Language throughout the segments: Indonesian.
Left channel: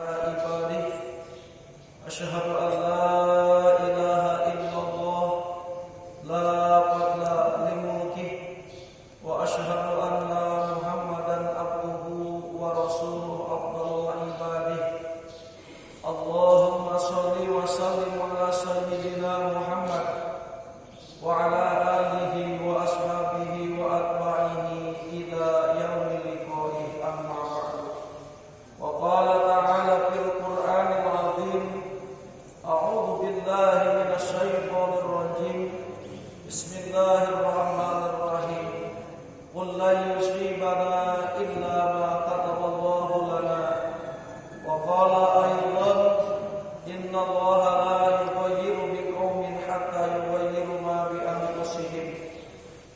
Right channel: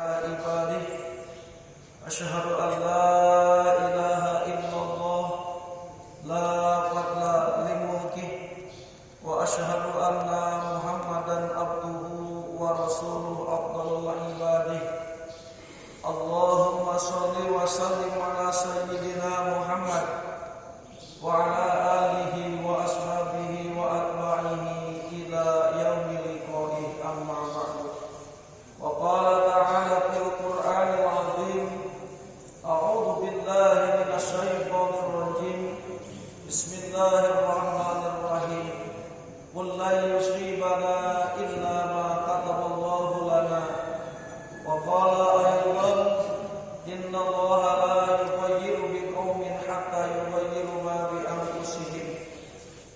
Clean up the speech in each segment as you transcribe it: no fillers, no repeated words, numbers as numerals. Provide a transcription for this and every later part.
عباده أشهد أن لا إله إلا الله لا فضل لملكه وأشهد أن محمدا عبده ورسوله أفضل عباده اللهم صل وسلم على سيدنا محمد وعلى آله وأصحابه وأتباعه إلى يوم لقائه أما بعد وقال تعالى في القرآن العظيم أعوذ بالله من الشيطان الرجيم بسم الله الرحمن الرحيم قل لا يصيبنا إلا ما كتب الله لنا وقال أيضا إن الله لا يغير بقوم حتى يغيروا ما بأنفسهم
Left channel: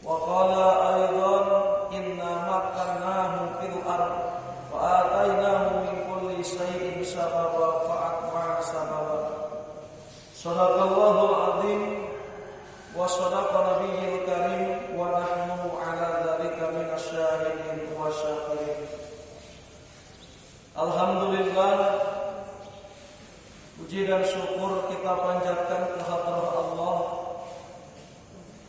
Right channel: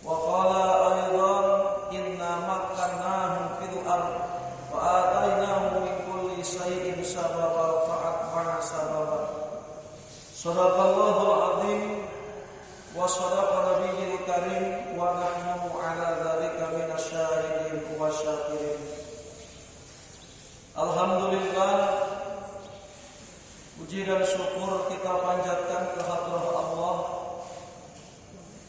وقال أيضا إنا مكناهم في الأرض وآتيناهم من كل شيء سببا فأتبع سببا صدق الله العظيم وصدق نبي الكريم ونحن على ذلك من الشاهدين والشاكرين. Alhamdulillah, puji dan syukur kita panjatkan kehadrat Allah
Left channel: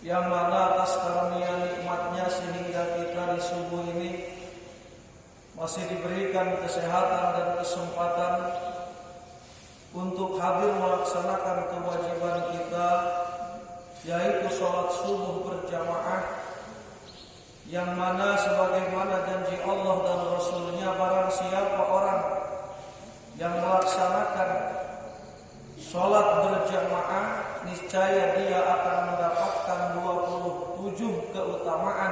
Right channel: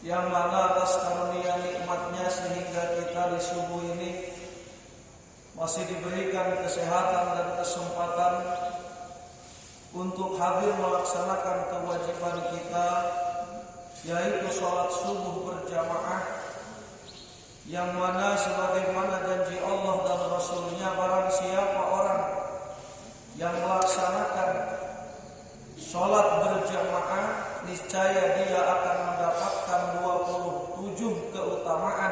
yang mana atas karunia nikmatnya sehingga kita di subuh ini masih diberikan kesehatan dan kesempatan untuk hadir melaksanakan kewajiban kita, yaitu sholat subuh berjamaah, yang mana sebagaimana janji Allah dan Rasulnya, barang siapa orang yang melaksanakan sholat berjamaah, niscaya dia akan mendapatkan 27 keutamaan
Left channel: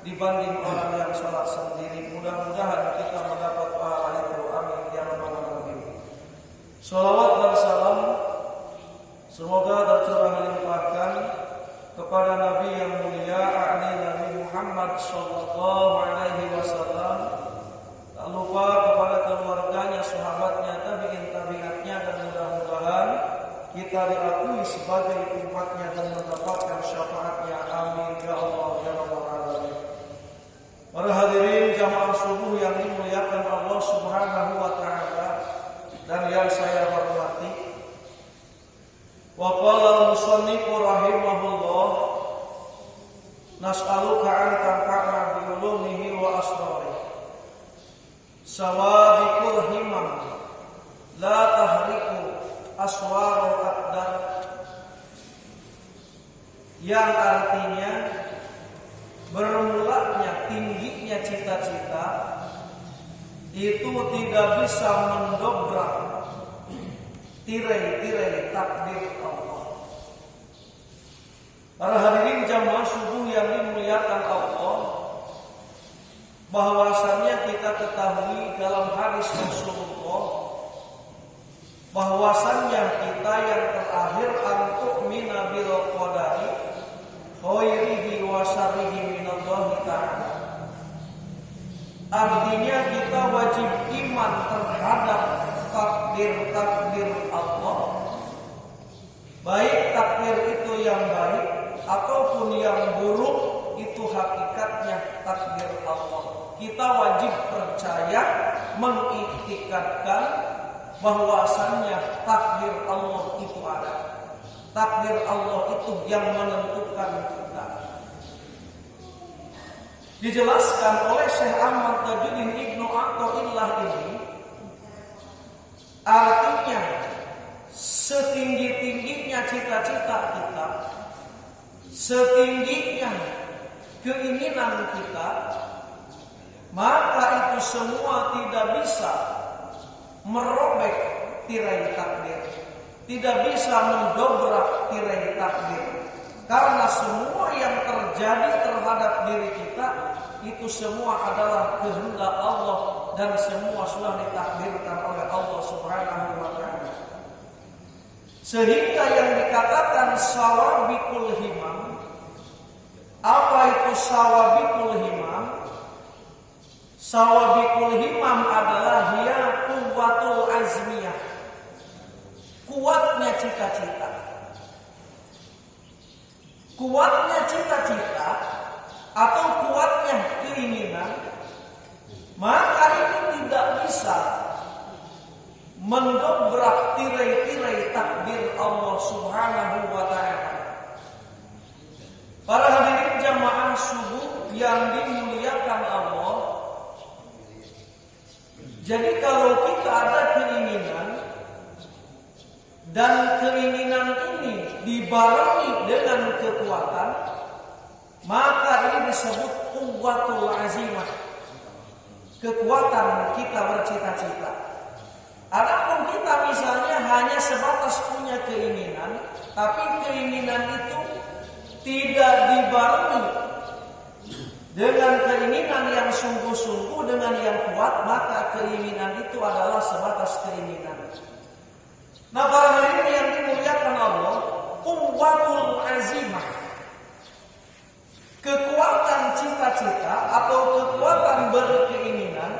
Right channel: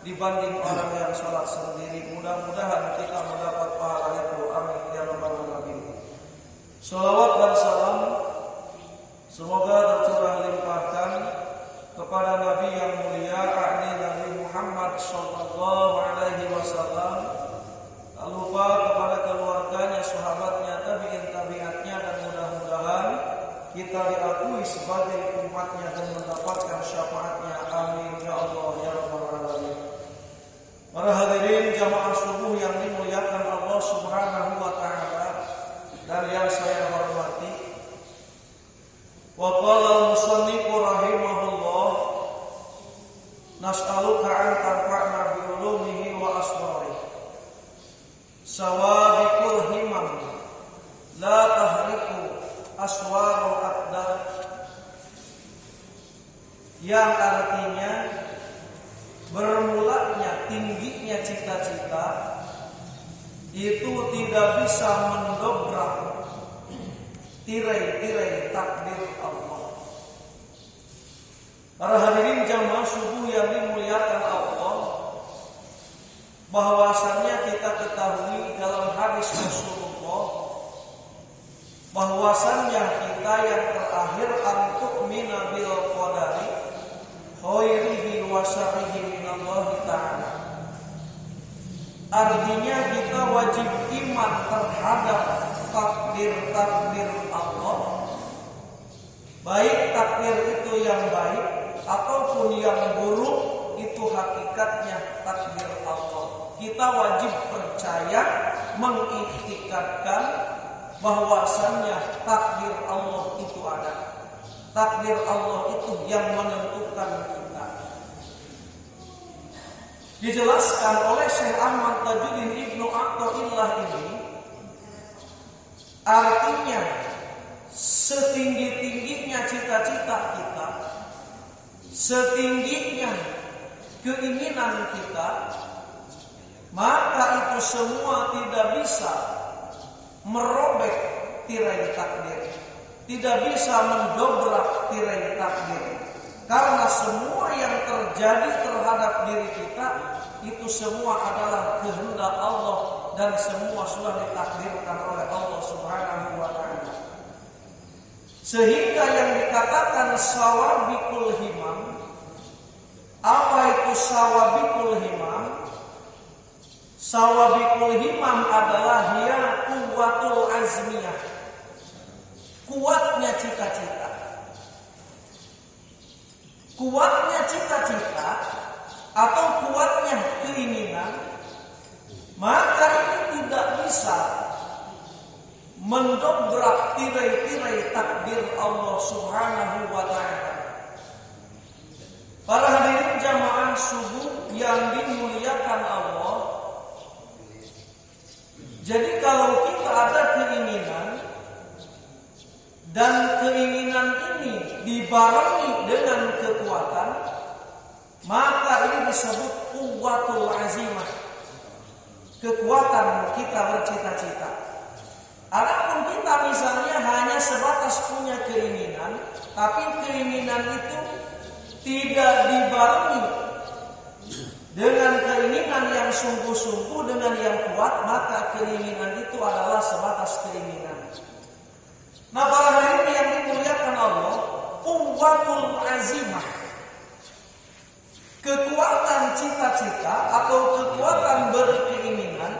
dibanding orang yang sholat sendiri. Mudah-mudahan kita mendapat pahala itu. Amin ya rabbal alamin. Sholawat dan salam semoga tercurah limpahkan kepada Nabi yang mulia, Nabi Muhammad sallallahu alaihi wasallam. Tak lupa kepada keluarganya, sahabatnya, tabi'in-tabi'atnya, dan mudah-mudahan kita diakui sebagai umatnya dan mendapatkan syafaatnya. Amin ya Allah ya rabbal alamin. Para hadirin jamaah subuh yang dimuliakan Allah Subhanahu wa taala dan yang saya hormati. Wa qala al-musannif rahimahullah, nas'aluka an tanfa'na bi ulumihi wa asrarihi. Sawabikul himam la tahriku aswarul aqdar, yang artinya bermulanya tingginya cita-cita itu tidak bisa mendobrak tirai-tirai takdir Allah. Para hadirin jamaah subuh yang dimuliakan Allah, bahwasannya kita ketahui dalam hadis Rasulullah bahwasannya kita yang terakhir antuk minabil qadari khairihi wa syarrihi minallahi ta'ala. Artinya kita wajib iman terhadap takdir-takdir Allah, baik takdir itu yang baik ataupun yang buruk, itu hakikatnya takdir Allah. Kita wajib percaya, mengiktikadkan bahwasannya takdir Allah itu ada. Takdir Allah itu yang menentukan kita. Dijelaskan oleh Syekh Ahmad Tajuddin Ibnu Athaillah ini, artinya setinggi-tingginya cita-cita kita, setingginya keinginan kita, maka itu semua tidak bisa merobek tirai takdir, tidak bisa mendobrak tirai takdir. Karena semua yang terjadi terhadap diri kita itu semua adalah kehendak Allah dan semua sudah ditakdirkan oleh Allah Subhanahu wa taala. Sehingga yang dikatakan sawabikul himam, apa itu sawabikul himam? Sawabikul himam adalah hiya quwwatul azmiyah, kuatnya cita-cita. Kuatnya cita-cita atau kuatnya keinginan, maka ini tidak bisa mendobrak tirai-tirai takdir Allah Subhanahu wa taala. Para hadirin jamaah subuh yang dimuliakan Allah. Jadi kalau kita ada keinginan dan keinginan ini dibarengi dengan kekuatan, maka ini disebut quwwatul azimah. Kekuatan kita bercita-cita. Adapun kita misalnya hanya sebatas punya keinginan, tapi keinginan itu tidak dibarengi dengan keinginan yang sungguh-sungguh, dengan yang kuat, maka keinginan itu adalah sebatas keinginan. Nah, para hadirin yang dimuliakan Allah, quwwatul azimah, kekuatan cita-cita atau kekuatan berkeinginan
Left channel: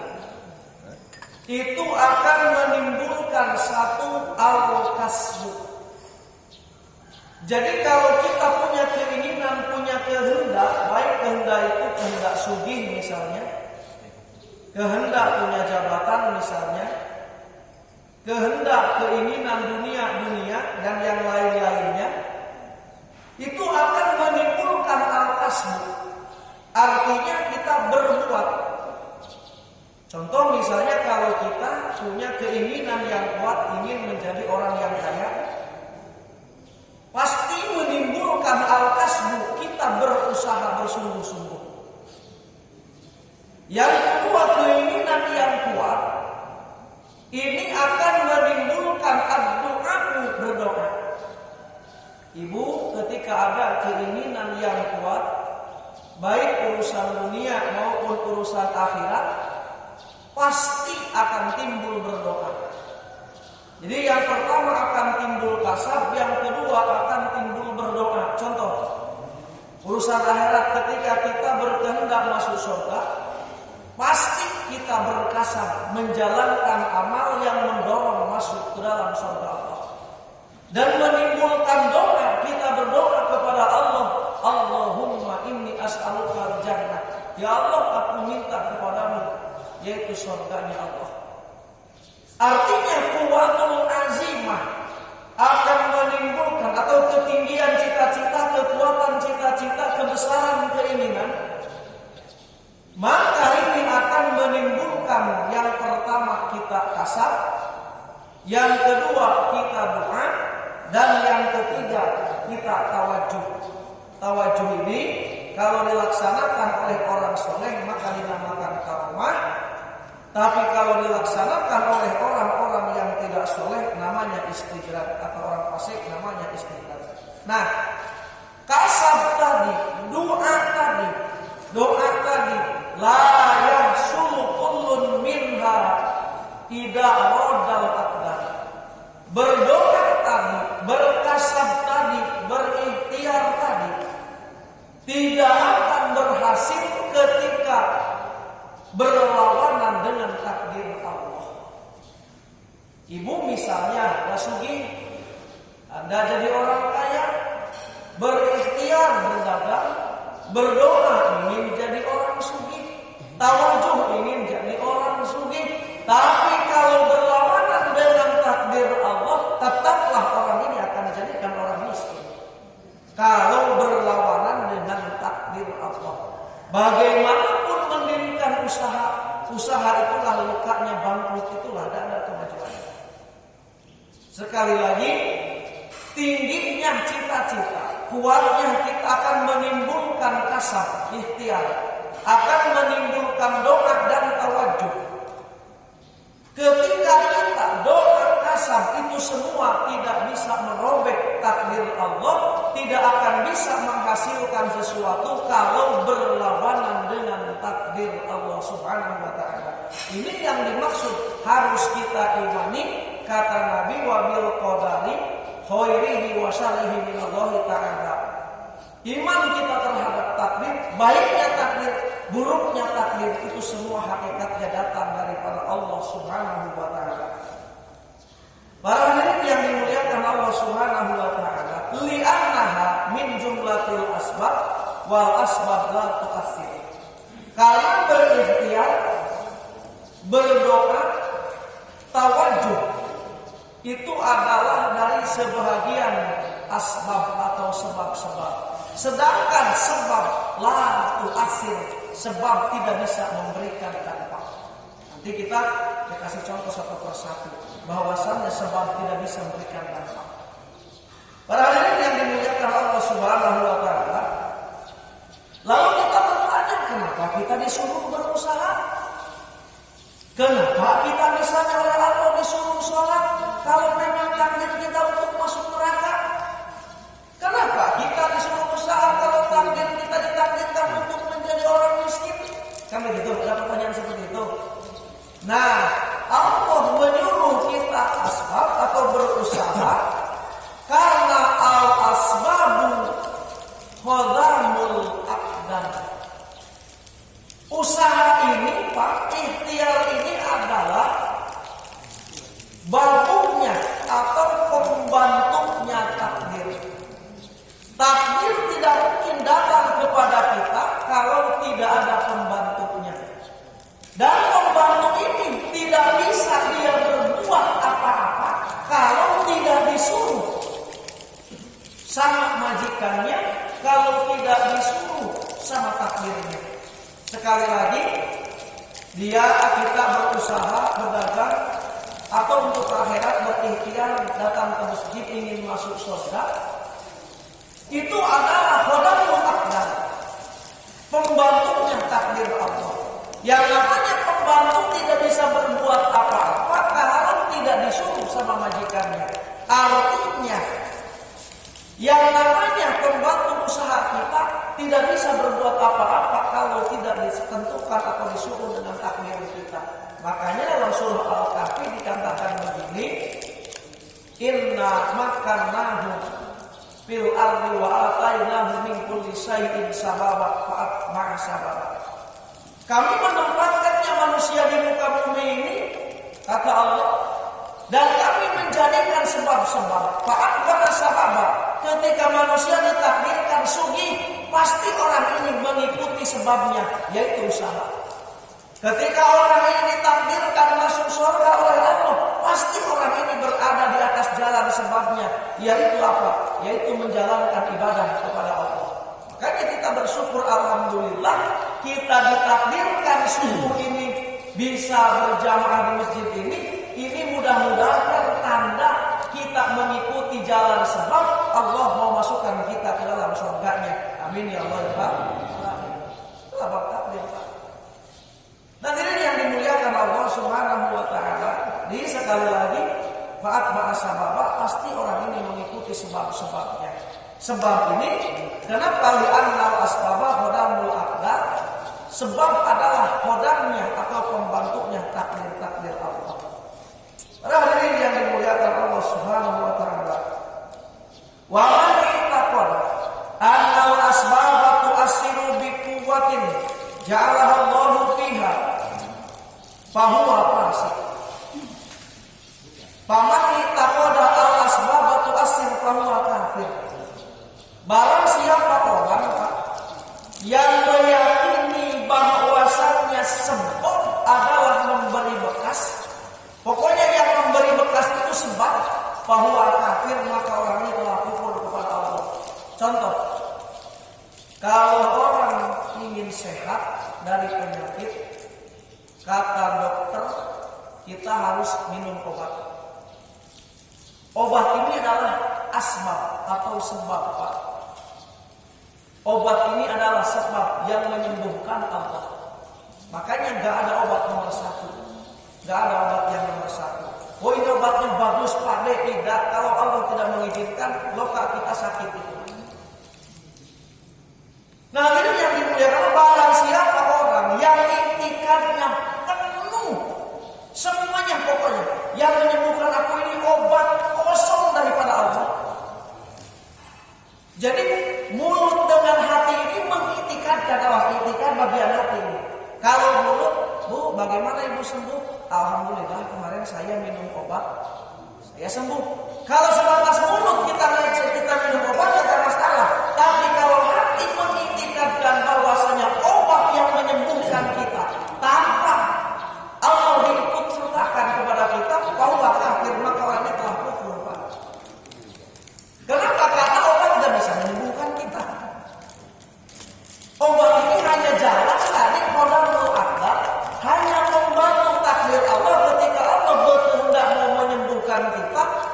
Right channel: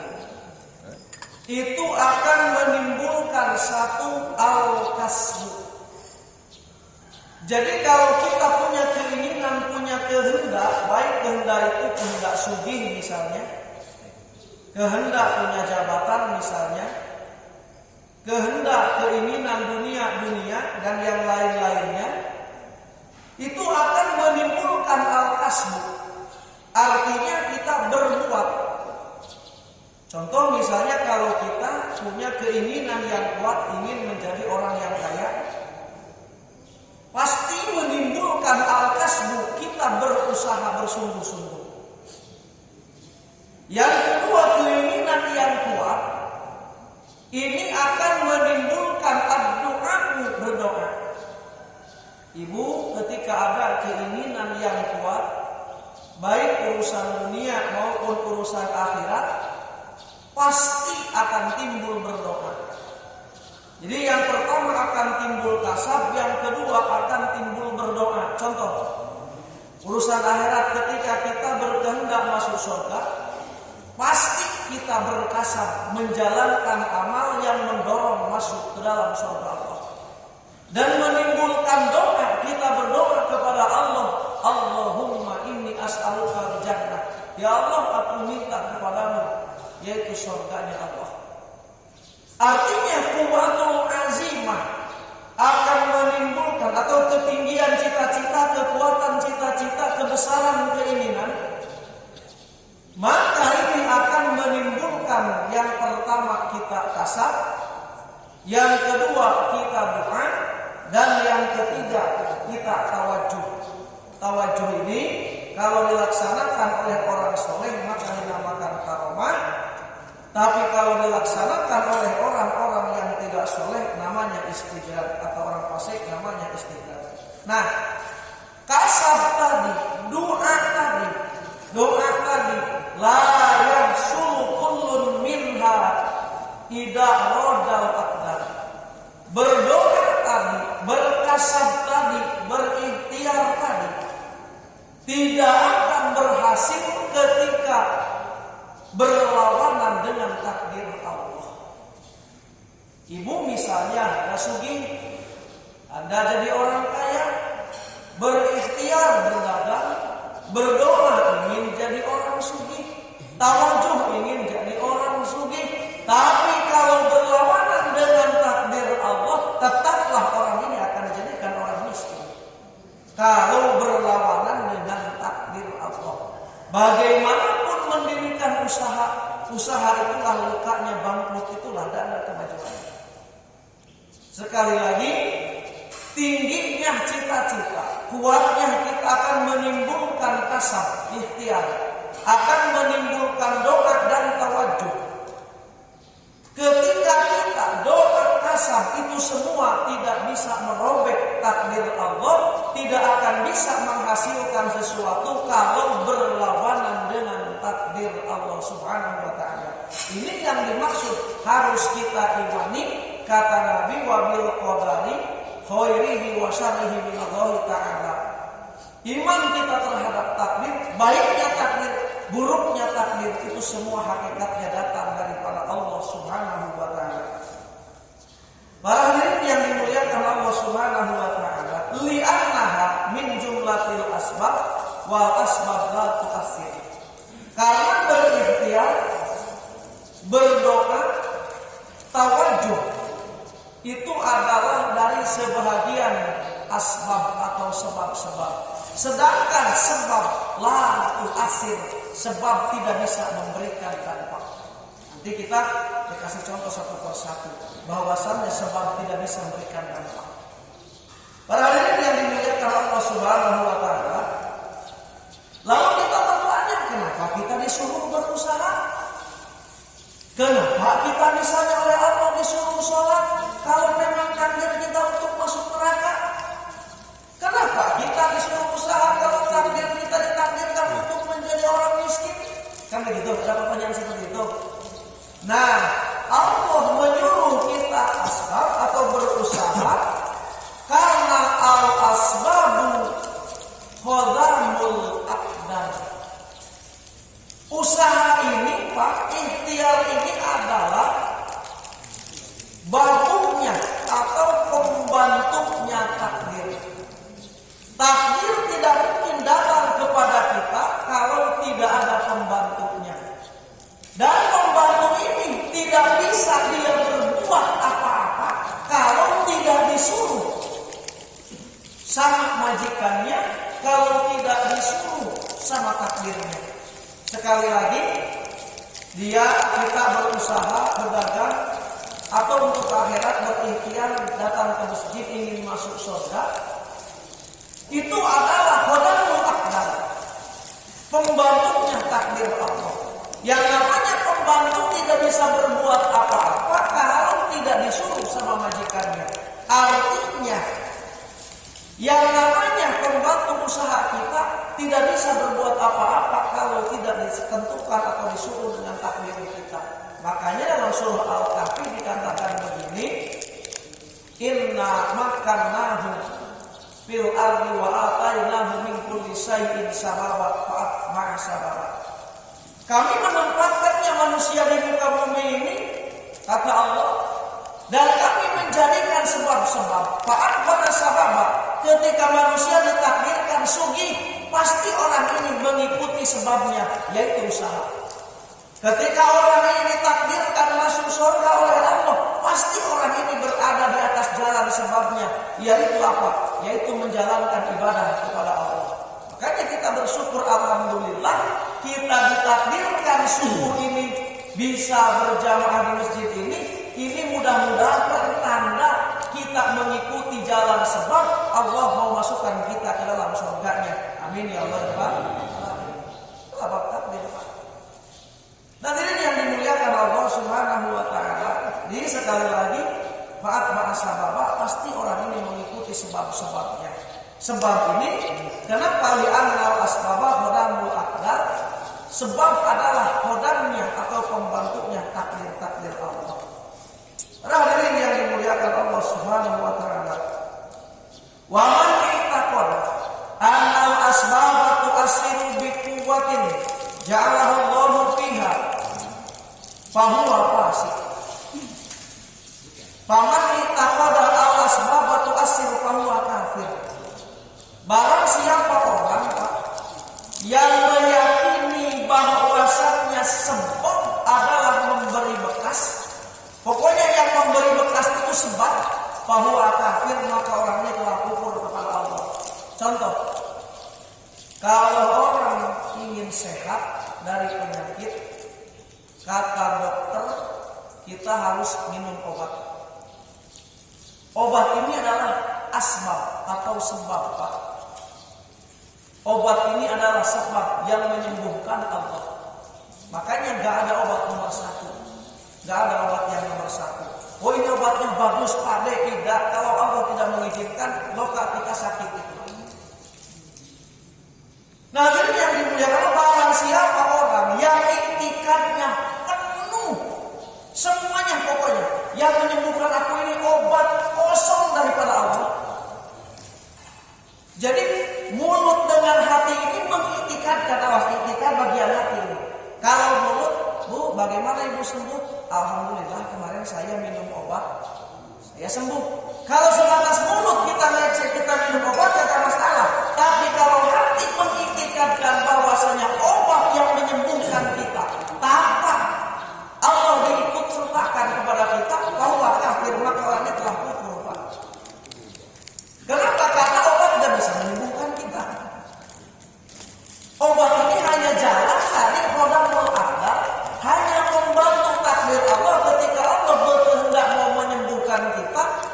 itu akan menimbulkan satu al-kasbu. Jadi kalau kita punya keinginan, punya kehendak, baik kehendak itu kehendak sugih misalnya, kehendak punya jabatan misalnya, kehendak keinginan dunia dan yang lain-lainnya, itu akan menimbulkan al-kasbu. Artinya kita berbuat. Contoh misalnya kalau kita punya keinginan yang kuat, ingin menjadi orang yang kaya, pasti menimbulkan al-kasbu, kita berusaha bersungguh-sungguh. Yang kedua, keinginan yang kuat ini akan menimbulkan ad-du'a, berdoa. Ibu ketika ada keinginan yang kuat, baik urusan dunia maupun urusan akhirat, pasti akan timbul berdoa. Jadi yang pertama akan timbul kasab, yang kedua akan timbul berdoa. Contoh, urusan akhirat ketika kita berkehendak masuk surga, pasti kita berkasab menjalankan amal yang mendorong masuk ke dalam surga Allah. Dan menimbulkan doa, kita berdoa kepada Allah, Allahumma inni as'aluka jannah. Ya Allah, aku minta kepadamu, yaitu surganya Allah. Artinya quwwatul azimah akan menimbulkan atau ketinggian cita-cita, kekuatan cita-cita, kebesaran keinginan. Maka ini akan menimbulkan yang pertama kita kasab, yang kedua kita doa, dan yang ketiga kita tawajuh. Tawajuh ini kalau dilaksanakan oleh orang soleh maka dinamakan karomah. Tapi kalau dilaksanakan oleh orang-orang yang tidak soleh namanya istidraj, atau orang fasik namanya istidraj. Nah, kasab tadi, doa tadi, la yahsulu kullun minha idza radal aqdar. Berdoa tadi, berkasab tadi, berikhtiar tadi tidak akan berhasil ketika berlawanan dengan takdir Allah. Ibu misalnya ada sugih, Anda jadi orang kaya, berikhtiar berdagang, berdoa ingin jadi orang sugih, tawajuh ingin jadi orang sugih, tapi kalau berlawanan dengan takdir Allah, tetaplah orang ini akan dijadikan orang miskin. Kalau berlawanan dengan takdir Allah, bagaimanapun mendirikan usaha itulah lukanya, bangkrut itulah tidak ada kemajuan. Sekali lagi, tingginya cita-cita, kuatnya kita akan menimbulkan kasab, ikhtiar, akan menimbulkan doa dan tawajuh. Ketika kita doa kasab itu semua tidak bisa merobek takdir Allah, tidak akan bisa menghasilkan sesuatu kalau berlawanan dengan takdir Allah Subhanahu wa taala. Ini yang dimaksud harus kita imani, kata Nabi, wa bil qadari khairihi wa syarrihi minallahi taala. Iman kita terhadap takdir, baiknya takdir, buruknya takdir, itu semua hakikatnya datang daripada Allah Subhanahu wa taala. Para hadirin yang dimuliakan Allah Subhanahu wa taala, li'annaha min jumlatil asbab wal asbab la tu'assir. Karena berikhtiar, berdoa, tawajuh itu adalah dari sebahagian asbab atau sebab-sebab. Sedangkan sebab la tu'asir, sebab tidak bisa memberikan dampak. Nanti kita kasih contoh satu persatu bahwasannya sebab tidak bisa memberikan dampak. Para hadirin yang dimuliakan Allah Subhanahu wa taala, lalu kita bertanya, kenapa kita disuruh berusaha? Kenapa kita misalnya oleh Allah disuruh sholat kalau memang takdir kita untuk masuk neraka? Kenapa kita disuruh usaha kalau takdir kita ditakdirkan untuk menjadi orang miskin? Kan begitu, ada pertanyaan seperti itu. Nah, Allah menyuruh kita asbab atau berusaha karena al-asbabu khadamul aqdar. Usaha ini, Pak, ikhtiar ini adalah bantunya atau pembantunya takdir. Takdir tidak mungkin datang kepada kita kalau tidak ada pembantunya. Dan pembantu ini tidak bisa dia berbuat apa-apa kalau tidak disuruh. Sama majikannya kalau tidak disuruh sama takdirnya. Sekali lagi, kita berusaha berdagang atau untuk akhirat berikhtiar datang ke masjid ingin masuk surga. Itu adalah khodamul aqdar, pembantunya takdir Allah. Yang namanya pembantu tidak bisa berbuat apa-apa kalau tidak disuruh sama majikannya. Artinya, yang namanya pembantu usaha kita tidak bisa berbuat apa-apa kalau tidak ditentukan atau disuruh dengan takdir kita. Makanya dalam surah Al-Kahfi dikatakan begini, inna makannahu fil ardi wa atainahu min kulli syai'in sababa fa'atma'a sababa. Kami menempatkannya manusia di muka bumi ini, kata Allah, dan kami menjadikan sebab-sebab. Fa'atma'a sababa. Ketika manusia ditakdirkan sugih, pasti orang ini mengikuti sebabnya, yaitu usaha. Ketika orang ini ditakdirkan masuk surga oleh Allah, pasti orang ini berada di atas jalan sebabnya, yaitu apa? Yaitu menjalankan ibadah kepada Allah. Makanya kita bersyukur, alhamdulillah, kita ditakdirkan subuh ini bisa berjamaah di masjid ini. Ini mudah-mudahan pertanda kita mengikuti jalan sebab Allah mau masukkan kita ke dalam surganya. Amin ya Allah ya Pak. Itulah bab takdir Pak. Dan ini yang dimuliakan Allah Subhanahu wa taala. Jadi sekali lagi, faat ma'asababa, pasti orang ini mengikuti sebab-sebabnya. Sebab ini kenapa li'annal asbaba khodamul aqdar? Sebab adalah khodamnya atau pembantunya takdir-takdir Allah. Para hadirin yang dimuliakan Allah Subhanahu wa taala. Wa man i'taqada annal asbaba tu'assiru bi quwwatin ja'alaha Allahu fiha fahuwa fasik. Faman i'taqada al asbaba tu'assiru fahuwa kafir. Barang siapa orang yang meyakini bahwasannya sebab adalah memberi bekas, pokoknya yang memberi bekas itu sebab, fahuwa kafir, maka orangnya telah kufur kepada Allah. Contoh, kalau orang ingin sehat dari penyakit, kata dokter kita harus minum obat. Obat ini adalah asbab atau sebab Pak. Obat ini adalah sebab yang menyembuhkan Allah. Makanya gak ada obat nomor satu. Gak ada obat yang nomor satu. Oh ini obatnya bagus Pak D. Tidak. Kalau Allah tidak mengizinkan, loka kita sakit itu. Nah jadi yang dimuliakan, barang siapa orang yang iktikadnya penuh, semuanya pokoknya yang menyembuhkan aku ini obat kosong daripada Allah. Jadi mulut dengan hati ini mengiktikadkan, awas iktikad bagian hati ini. Kalau mulut, Bu, bagaimana Ibu sembuh? Alhamdulillah kemarin saya minum obat, saya sembuh. Kalau sebatas mulut kita ngecek, kita minum obat, tidak masalah. Tapi kalau hati mengiktikadkan bahwasanya obat yang menyembuhkan kita tanpa Allah diikut sertakan kepada kita, bahwa kafir, maka orangnya telah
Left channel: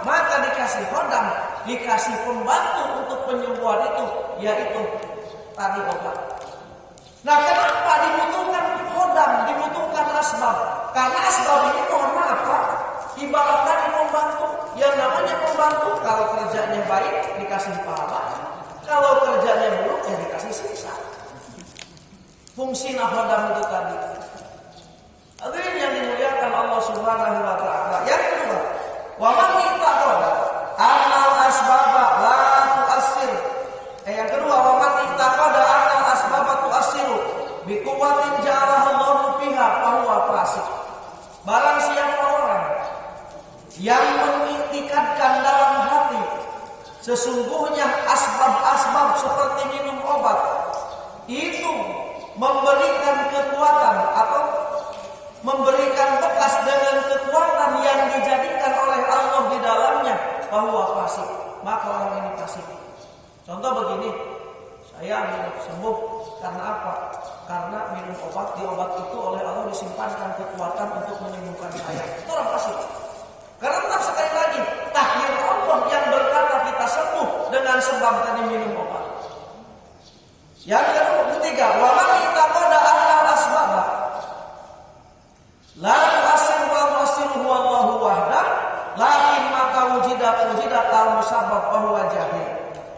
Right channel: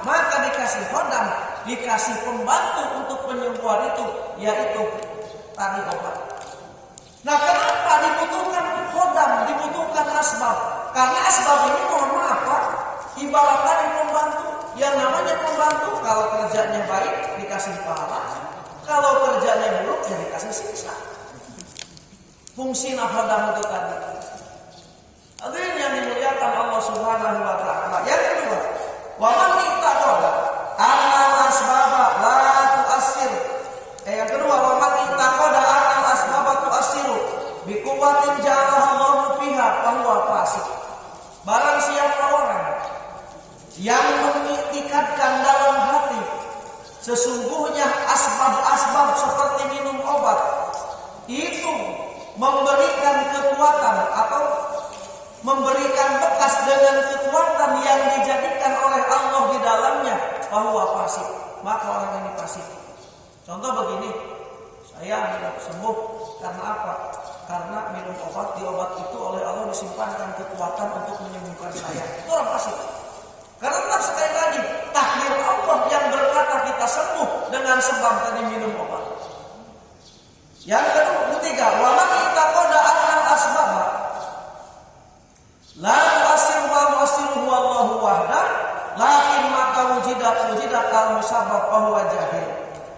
maka dikasih khodam, dikasih pembantu untuk penyembuhan itu, yaitu tadi obat. Nah, kenapa dibutuhkan khodam, dibutuhkan asbab? Karena asbab ini mohon maaf Pak, ibaratnya pembantu. Yang namanya pembantu, kalau kerjanya baik dikasih pahala, kalau kerjanya buruk ya dikasih siksa. Fungsi khodam itu tadi. Hadirin yang dimuliakan Allah Subhanahu wa taala. Yang kedua, wa man ittaqada annal asbaba la tu'assir. Yang kedua, wa man ittaqada annal asbaba tu'assiru bi quwwatin ja'alaha Allahu fiha fa huwa fasik. Barang siapa orang yang mengiktikadkan dalam hati sesungguhnya asbab-asbab seperti minum obat itu memberikan kekuatan atau memberikan bekas dengan kekuatan yang dijadikan oleh Allah di dalamnya, bahwa fasik, maka orang ini fasik. Contoh begini, saya minum sembuh karena apa? Karena minum obat, di obat itu oleh Allah disimpankan kekuatan untuk menyembuhkan saya. Itu orang fasik. Karena tetap sekali lagi, takdir Allah yang berkata kita sembuh dengan sebab tadi minum obat. Yang ketiga, wa man ittaqada annal asbab la tu'assir wa tu'assiru Allahu wahdah, lakin mata wujidat al-musabbab fa huwa jahil.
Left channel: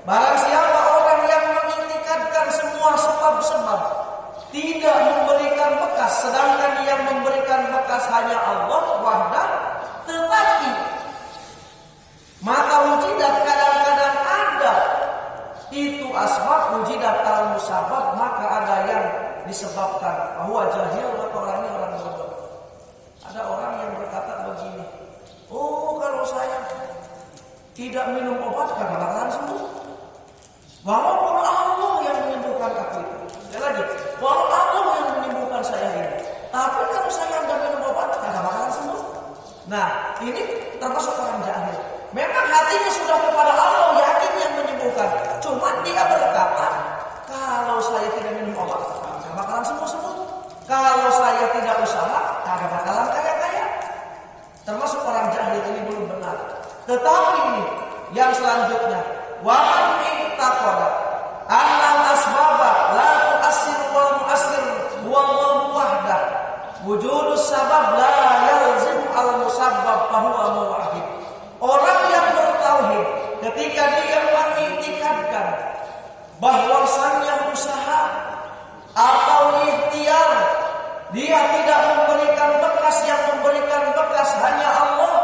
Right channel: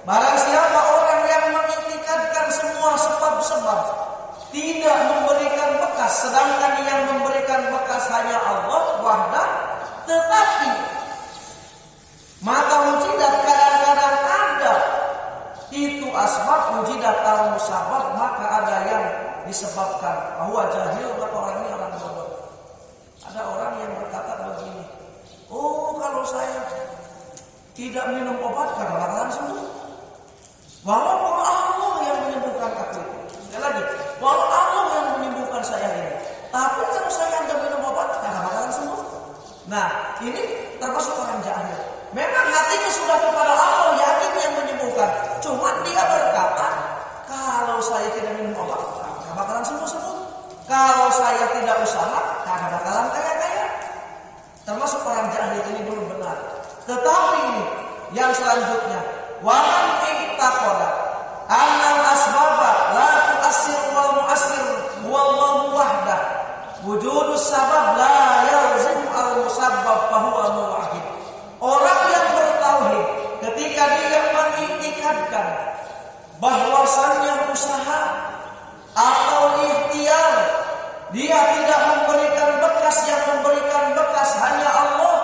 Barang siapa orang yang mengiktikadkan semua sebab-sebab tidak memberikan bekas, sedangkan yang memberikan bekas hanya Allah wahdah, tetapi mata wujidat kadang-kadang ada itu asbab wujidat al-musabbab, maka ada yang disebabkan. Bahwa jahil, maka orang ini orang bodoh. Ada orang yang berkata begini, oh kalau saya tidak minum obat karena bakalan sembuh. Walaupun Allah yang menyembuhkan aku itu. Sekali lagi, walau Allah yang menyembuhkan saya ini, tapi kalau saya nggak minum obat karena bakalan sembuh. Nah, ini termasuk orang jahil. Memang hatinya sudah kepada Allah, yakin yang menyembuhkan. Cuman dia berkata, kalau saya tidak minum obat, nggak bakalan sembuh-sembuh. Kalau saya tidak usaha, nggak bakalan kaya-kaya. Termasuk orang jahil ini belum benar. Tetapi ini yang selanjutnya, wa man ittaqada annal asbaba la tu'assir wal mu'assir wallahu wahdah. Wujudus sabab la yalzim al-musabbab fa huwa muwahhid. Orang yang bertauhid ketika dia mengiktikadkan bahwasannya usaha atau ikhtiar, dia tidak memberikan bekas, yang memberikan bekas hanya Allah.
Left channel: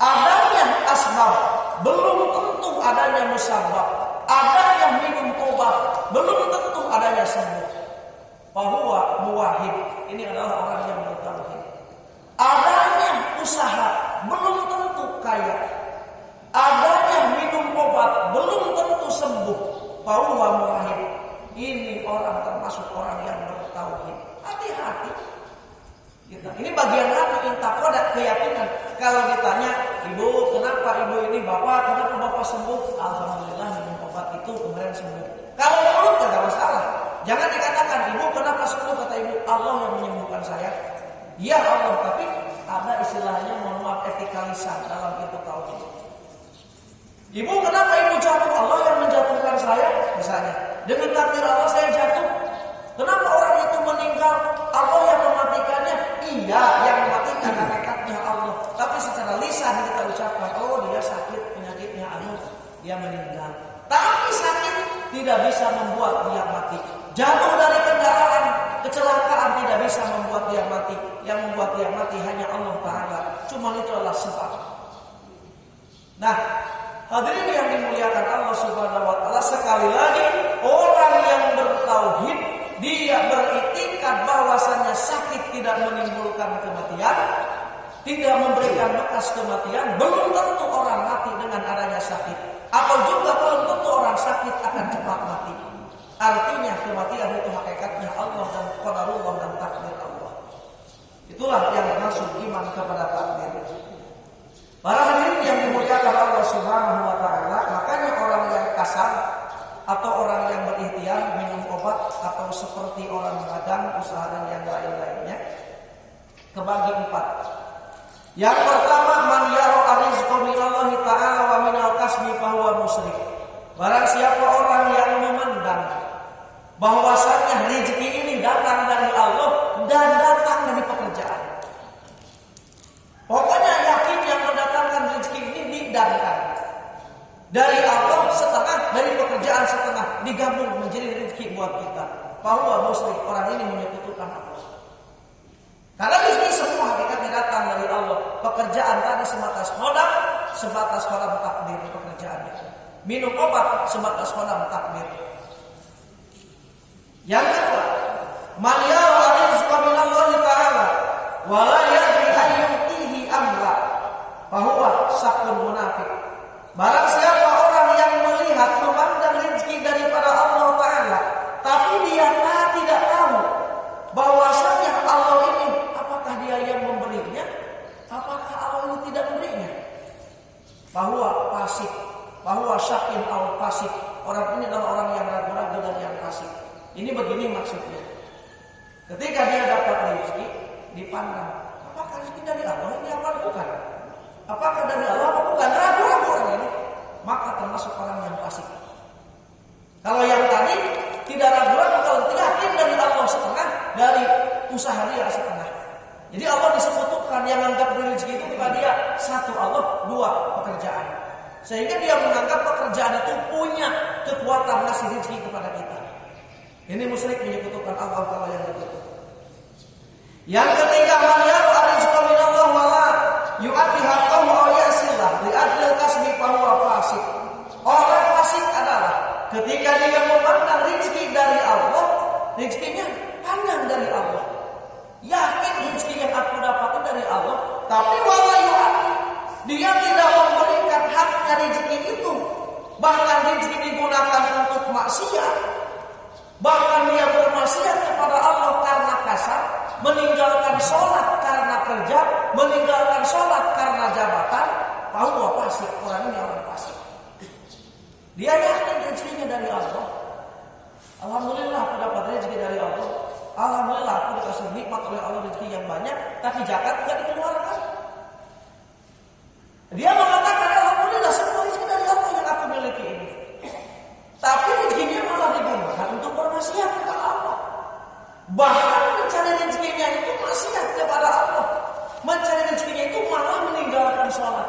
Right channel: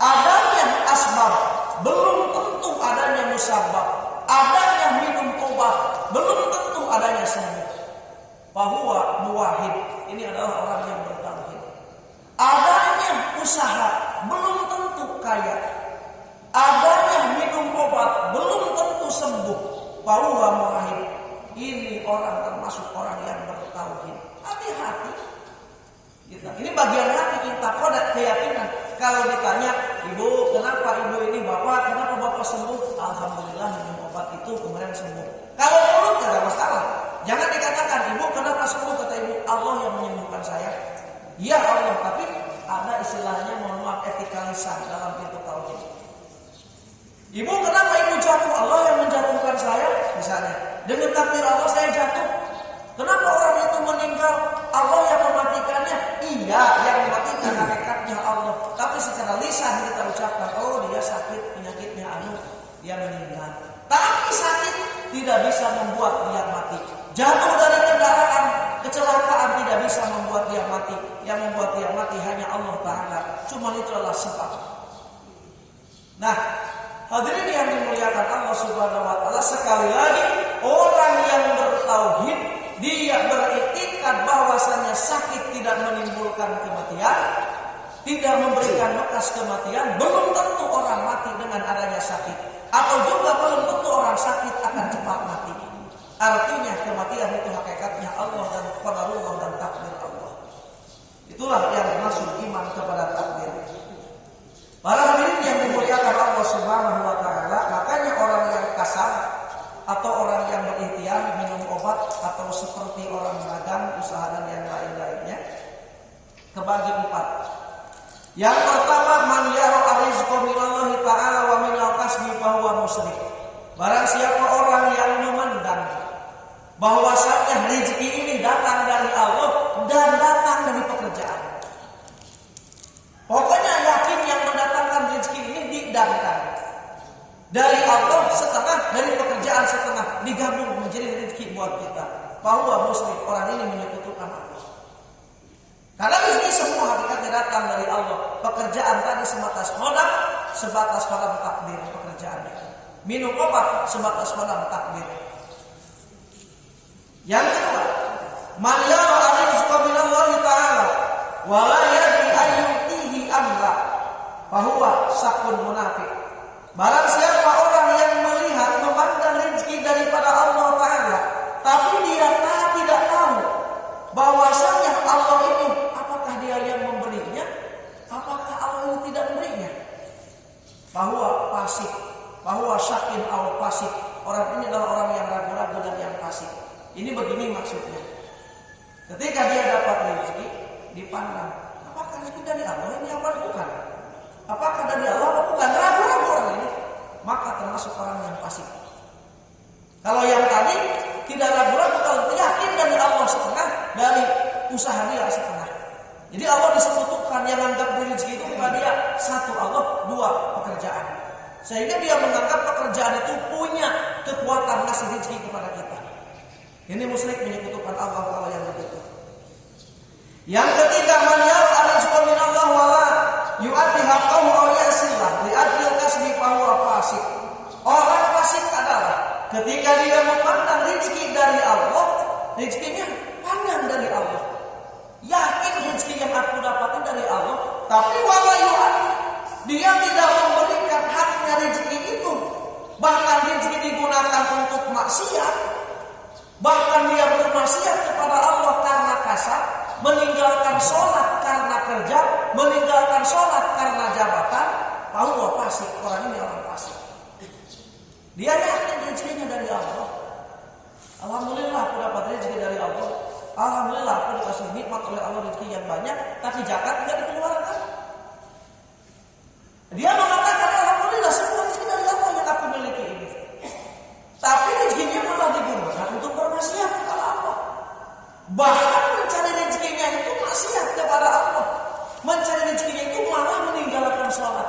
Adanya asbab belum tentu adanya musabbab. Adanya minum obat belum tentu adanya sembuh. Bahwa muwahhid ini adalah orang yang bertauhid. Adanya usaha belum tentu kaya. Adanya minum obat belum tentu sembuh. Bahwa muwahhid ini orang termasuk orang yang bertauhid. Hati-hati. Ini bagian hati, ittaqada, keyakinan. Kalau ditanya, ibu kenapa ibu ini, bapak kenapa bapak sembuh? Alhamdulillah minum obat itu kemarin sembuh. Kalau mulut tidak masalah. Jangan dikatakan, ibu kenapa sembuh? Kata ibu, Allah yang menyembuhkan saya. Ya Allah, tapi ada istilahnya, mohon maaf, etika lisan dalam itu tauhid. Ibu kenapa ibu jatuh? Allah yang menjatuhkan saya, misalnya. Dengan takdir Allah saya jatuh. Kenapa orang itu meninggal? Allah yang mematikannya. Iya, yang mematikan hakikatnya Allah. Tapi secara lisan kita ucapkan, oh dia sakit, penyakitnya dia meninggal. Tapi sakit tidak bisa membuat dia mati. Jatuh dari kendaraan, kecelakaan tidak bisa membuat dia mati. Yang membuat dia mati hanya Allah Ta'ala. Cuma itu adalah sebab. Nah, hadirin yang dimuliakan Allah Subhanahu wa taala, sekali lagi orang yang bertauhid, dia beriktikad bahwasannya sakit tidak menimbulkan kematian, tidak memberikan bekas kematian. Belum tentu orang mati dengan adanya sakit, atau juga belum tentu orang sakit akan cepat mati. Artinya kematian itu hakikatnya Allah dan qadarullah dan takdir Allah. Itulah yang masuk iman kepada takdir. Para hadirin yang dimuliakan Allah Subhanahu wa taala, makanya orang yang kasar atau orang yang berikhtiar minum obat atau seperti orang dagang, usaha dan yang lain-lainnya kebagi 4. Yang pertama, man yara ar-rizqa minallahi ta'ala wa minal kasbi fahuwa musyrik. Barang siapa orang yang memandang bahwasanya rezeki ini datang dari Allah dan datang dari pekerjaan. Pokoknya yakin yang mendatangkan rezeki ini didamkan dari Allah setengah, dari pekerjaan setengah, digabung menjadi rezeki buat kita. Bahwa musyrik, orang ini menyekutukan Allah. Karena rezeki semua hakikatnya datang dari Allah. Pekerjaan tadi sebatas khodam takdir pekerjaan itu. Minum obat sebatas khodam takdir. Yang kedua, man yara ar-rizqa minallahi ta'ala wa la yadri ayyutihi amra fahuwa sakun munafik. Barang siapa orang yang melihat memandang rezeki daripada Allah Ta'ala, tapi dia tidak tahu bahwasanya Allah ini, apakah dia yang memberinya, apakah Allah ini tidak memberinya, bahwa fasik, bahwa syakin atau fasik. Orang ini adalah orang yang ragu-ragu dan yang fasik. Ini begini maksudnya. Ketika dia dapat rezeki, dipandang, apakah rezeki dari Allah ini apa bukan? Apakah dari Allah apa bukan? Ragu-ragu orang ini, maka termasuk orang yang fasik. Kalau yang tadi tidak ragu-ragu, kalau yakin dari Allah setengah, dari usaha dia setengah. Jadi Allah disebutkan yang anggap rezeki itu kepada dia satu Allah, dua pekerjaan. Sehingga dia menganggap pekerjaan itu punya kekuatan ngasih rezeki kepada kita. Ini musyrik menyekutukan Allah kalau yang begitu. Yang ketiga, man yara ar-rizqa minallah wala yu'addi haqqahu aw yasillah li ajlil kasbi fahuwa fasik. Orang fasik adalah ketika dia memandang rezeki dari Allah, rezekinya pandang dari Allah. Yakin rezeki yang aku dapatin dari Allah, tapi wala yu'addi, dia tidak memberikan haknya rezeki itu. Bahkan rezeki digunakan untuk maksiat. Bahkan dia bermaksiat kepada Allah karena kasar, meninggalkan sholat karena kerja, meninggalkan sholat karena jabatan. Bahwa fasik, orang ini orang fasik. Dia yakin rezekinya dari Allah. Alhamdulillah aku dapat rezeki dari Allah. Alhamdulillah aku dikasih nikmat oleh Allah rezeki yang banyak, tapi zakat tidak dikeluarkan. Dia mengatakan alhamdulillah semua rezeki dari Allah yang aku miliki ini. Tapi rezekinya malah digunakan untuk bermaksiat kepada Allah. Bahkan mencari rezekinya itu maksiat kepada Allah. Mencari rezekinya itu malah meninggalkan sholat.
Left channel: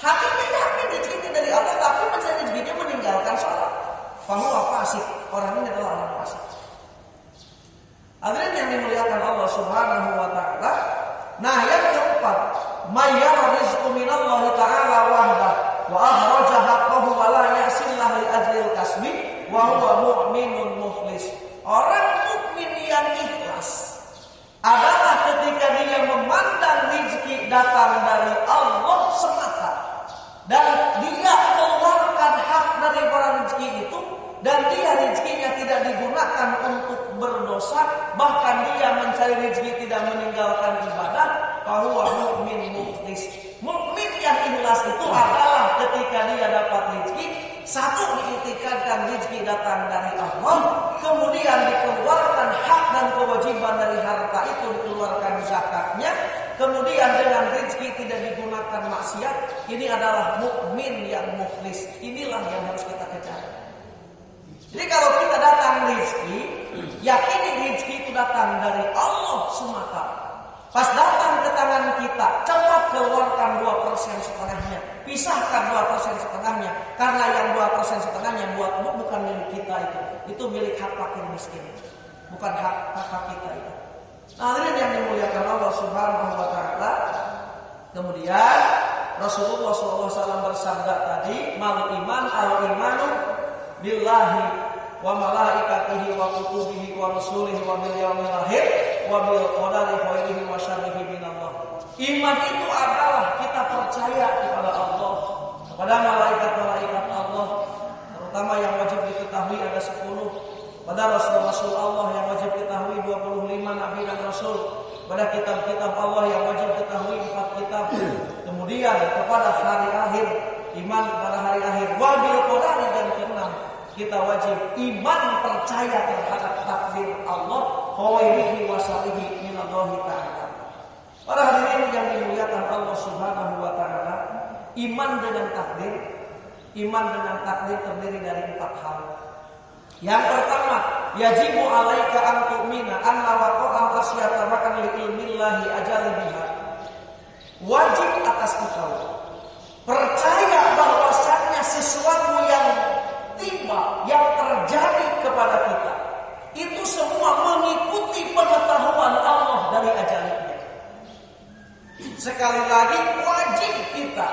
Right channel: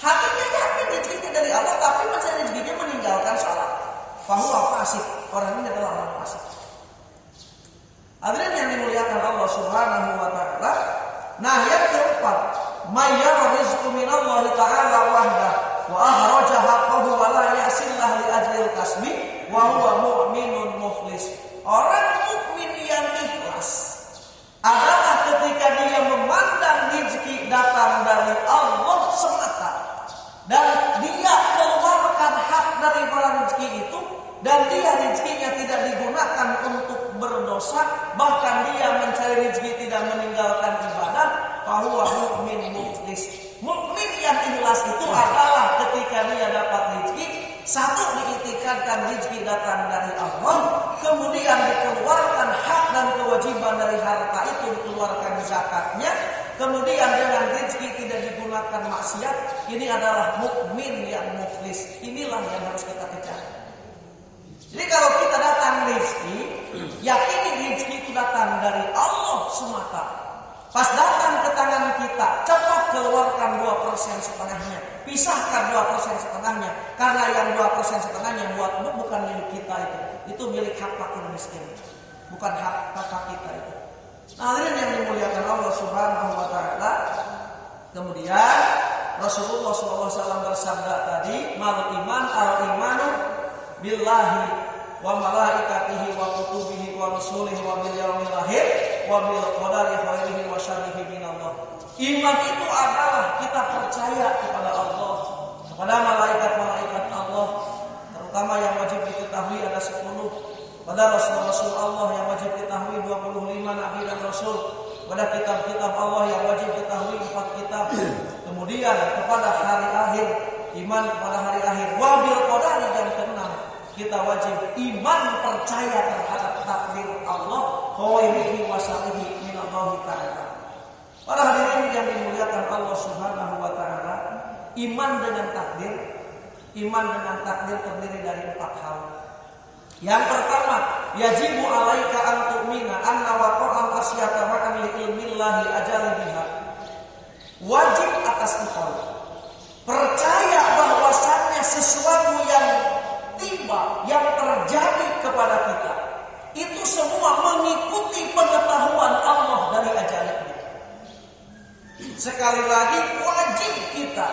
Hatinya yakin rezekinya dari Allah, tapi mencari rezekinya meninggalkan sholat. Fahuwa fasik, orang ini adalah orang fasik. Hadirin yang dimuliakan Allah Subhanahu wa taala. Nah, yang keempat, mayyara rizqu minallahi ta'ala wahdah wa ahraja haqqahu wa la yasillah li ajlil kasbi wa huwa mu'minun mukhlis. Orang mukmin yang ikhlas adalah ketika dia memandang rezeki datang dari Allah semata dan dia keluarkan hak dari rezeki itu, dan dia rezekinya tidak digunakan untuk berdosa, bahkan dia mencari rezeki tidak meninggalkan ibadah. Fahuwa mu'min mukhlis. Mukmin yang ikhlas itu adalah ketika dia dapat rezeki, satu diiktikadkan rezeki datang dari Allah, kemudian dikeluarkan hak dan kewajiban dari harta itu, dikeluarkan zakatnya, kemudian dengan rezeki tidak digunakan maksiat. Ini adalah mukmin yang mukhlis. Inilah yang harus kita kejar. Jadi kalau kita datang rezeki, yakini rezeki itu datang dari Allah semata. Pas datang ke tangan kita, cepat keluarkan 2% setengahnya. Pisahkan 2% setengahnya. Karena yang 2% setengahnya bukan milik kita itu. Itu milik hak fakir miskin. Bukan hak kita itu. Nah, hadirin yang dimuliakan Allah Subhanahu wa taala. Kemudian Rasulullah SAW bersabda tadi, mal iman al-imanu billahi wa malaikatihi wa kutubihi wa rusulihi wa bil yaumil akhir wa bil qadari khairihi wa syarrihi minallah. Iman itu adalah kita percaya kepada Allah, kepada malaikat-malaikat Allah, terutama yang wajib diketahui ada 10, pada Rasul Allah yang wajib diketahui 25 nabi dan rasul, pada kitab-kitab Allah yang wajib diketahui 4 kitab. Kemudian kepada hari akhir, iman kepada hari akhir, wa bil qadari, dan keenam kita wajib iman percaya terhadap takdir Allah, khairihi wa syarrihi minallahi ta'ala. Para hadirin yang dimuliakan Allah Subhanahu wa taala, Iman dengan takdir. Iman dengan takdir terdiri dari 4 hal. Yang pertama, yajibu alaika an tu'mina anna waqa'an asyata ma'an li ilmillahi ajali biha. Wajib atas kita percaya bahwasannya sesuatu yang tiba, yang terjadi kepada kita, itu semua mengikuti pengetahuan Allah dari ajalnya. Sekali lagi, wajib kita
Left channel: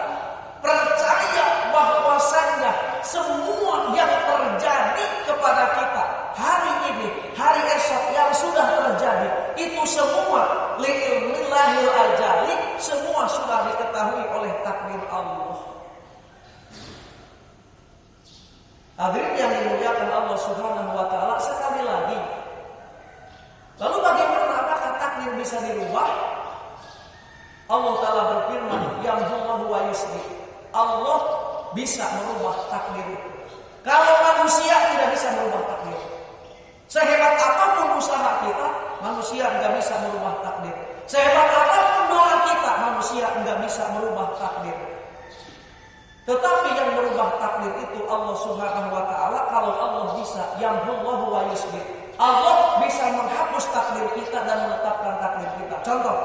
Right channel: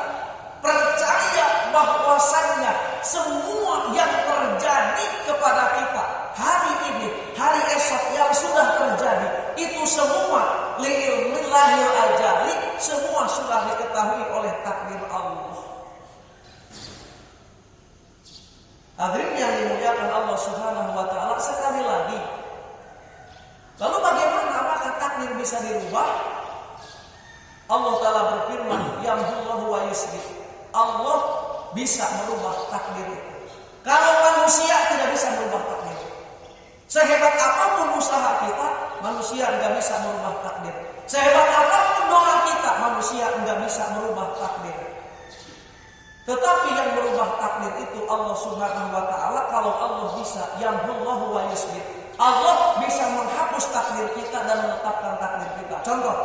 percaya bahwasannya semua yang terjadi kepada kita hari ini, hari esok yang sudah terjadi, itu semua li'ilmillahil ajali, semua sudah diketahui oleh takdir Allah. Hadirin yang dimuliakan Allah Subhanahu wa taala, sekali lagi. Lalu bagaimana, apakah takdir bisa dirubah? Allah taala berfirman, yamhullahu wa yusbih. Allah bisa merubah takdir itu. Kalau manusia tidak bisa merubah takdir. Sehebat apapun usaha kita, manusia enggak bisa merubah takdir. Sehebat apapun doa kita, manusia enggak bisa merubah takdir. Tetapi yang merubah takdir itu Allah Subhanahu wa taala. Kalau Allah bisa, yamhullahu wa yusbih. Allah bisa menghapus takdir kita dan menetapkan takdir kita. Contoh,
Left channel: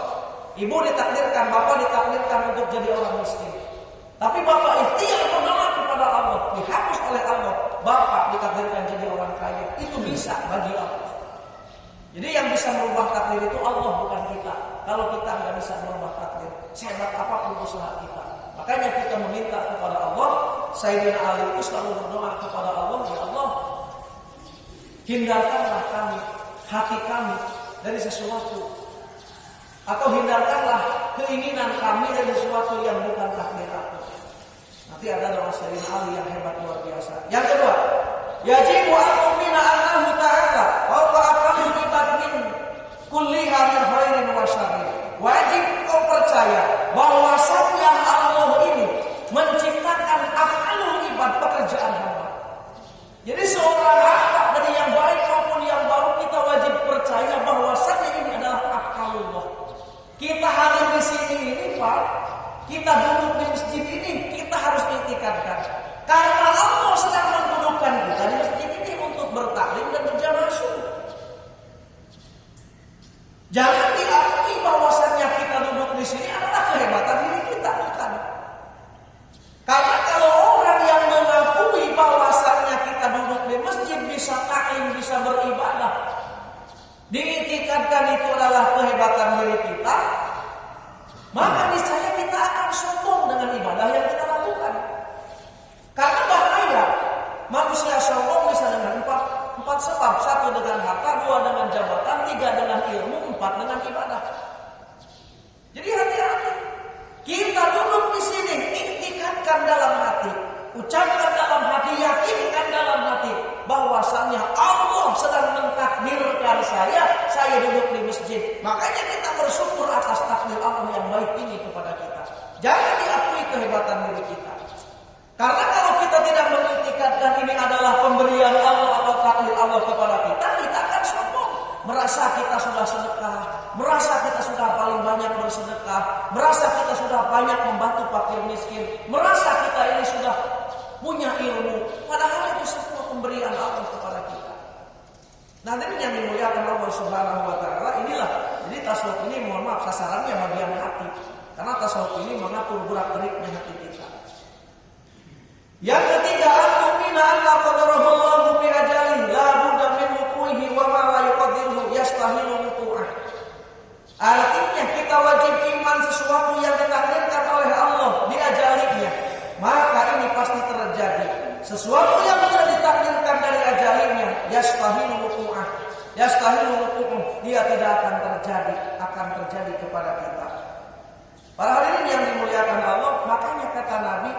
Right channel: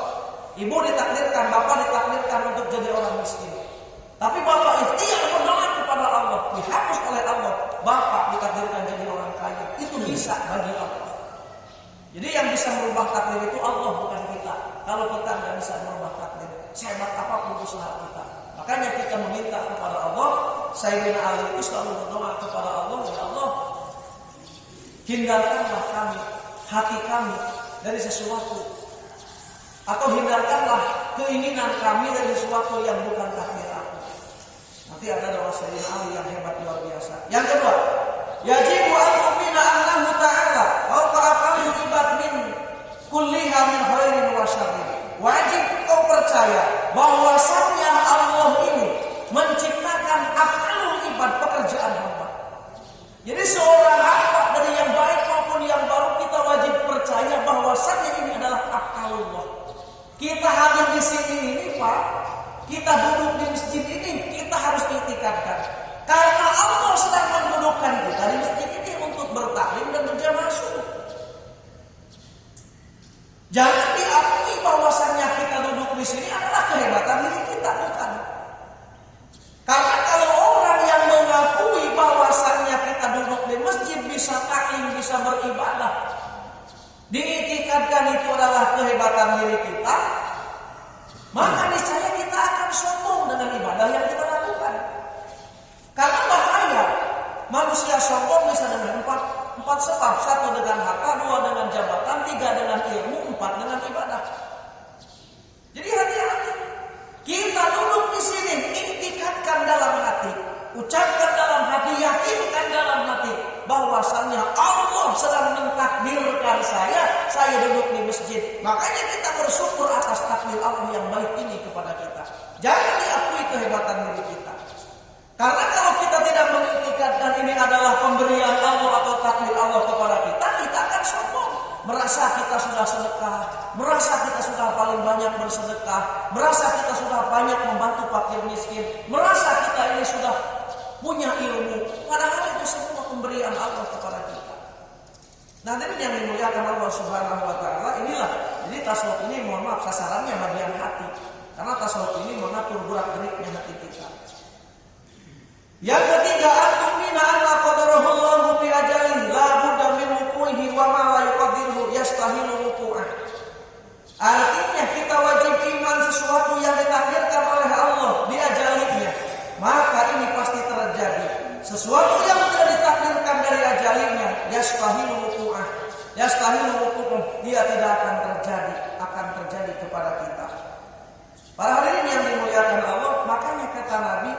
ibu ditakdirkan, bapak ditakdirkan untuk jadi orang miskin. Tapi bapak ikhtiar berdoa kepada Allah, dihapus oleh Allah. Bapak ditakdirkan jadi orang kaya. Itu bisa bagi Allah. Jadi yang bisa merubah takdir itu Allah, bukan kita. Kalau kita nggak bisa merubah takdir, sehebat apapun usaha kita. Makanya kita meminta kepada Allah. Sayyidina Ali itu selalu berdoa kepada Allah, ya Allah, hindarkanlah kami, hati kami dari sesuatu, atau hindarkanlah keinginan kami dari sesuatu yang bukan takdir aku. Nanti ada doa Sayyidina Ali yang hebat luar biasa. Yang kedua, yajibu an tu'mina annahu ta'ala wa ta'afalu ibad min kulliha min khairin wa syarrin. Wajib kau percaya bahwasannya Allah ini menciptakan af'alul ibad, pekerjaan hamba. Jadi seorang hamba dari yang baik maupun yang baru, kita wajib percaya bahwasannya ini adalah af'alullah. Kita hadir di sini ini, Pak, kita duduk di masjid ini, kita harus itikadkan. Karena Allah sedang mendudukkan kita di masjid ini untuk bertaklim dan berjamaah subuh. Jangan diakui bahwasannya kita duduk di sini adalah kehebatan diri kita, bukan. Karena kalau orang yang mengakui bahwasannya kita duduk di masjid, bisa taklim, bisa beribadah, diitikadkan itu adalah kehebatan diri kita, maka niscaya kita akan sombong dengan ibadah yang kita lakukan. Karena bahaya manusia sombong bisa dengan empat sebab: 1 dengan harta, 2 dengan jabatan, 3 dengan ilmu, 4 dengan ibadah. Jadi hati-hati. Kita duduk di sini, iktikadkan dalam hati, ucapkan dalam hati, yakinkan dalam hati bahwasannya Allah sedang mentakdirkan saya duduk di masjid. Makanya kita bersyukur atas takdir Allah yang baik ini kepada kita. Jangan diakui kehebatan diri kita. Karena kalau kita tidak mengiktikadkan ini adalah pemberian Allah atau takdir Allah kepada kita, kita akan sombong. Merasa kita sudah sedekah, merasa kita sudah paling banyak bersedekah, merasa kita sudah banyak membantu fakir miskin, merasa kita ini sudah punya ilmu. Padahal itu semua pemberian Allah kepada kita. Nah, ini yang dimuliakan Allah Subhanahu wa taala, inilah. Jadi tasawuf ini, mohon maaf, sasarannya bagian hati. Karena tasawuf ini mengatur gerak-geriknya hati kita. Yang ketiga, antumina anna qadarahullahu bi ajalih la budda min wuqu'ihi wa ma la yuqaddiruhu yastahilu wuqu'ah. Artinya kita wajib iman sesuatu yang ditakdirkan oleh Allah di ajalnya, maka ini pasti terjadi. Sesuatu yang tidak ditakdirkan dari ajalnya, yastahilu wuqu'ah. Yastahilu wuqu'ah, dia tidak akan terjadi kepada kita. Para hadirin yang dimuliakan Allah, makanya kata Nabi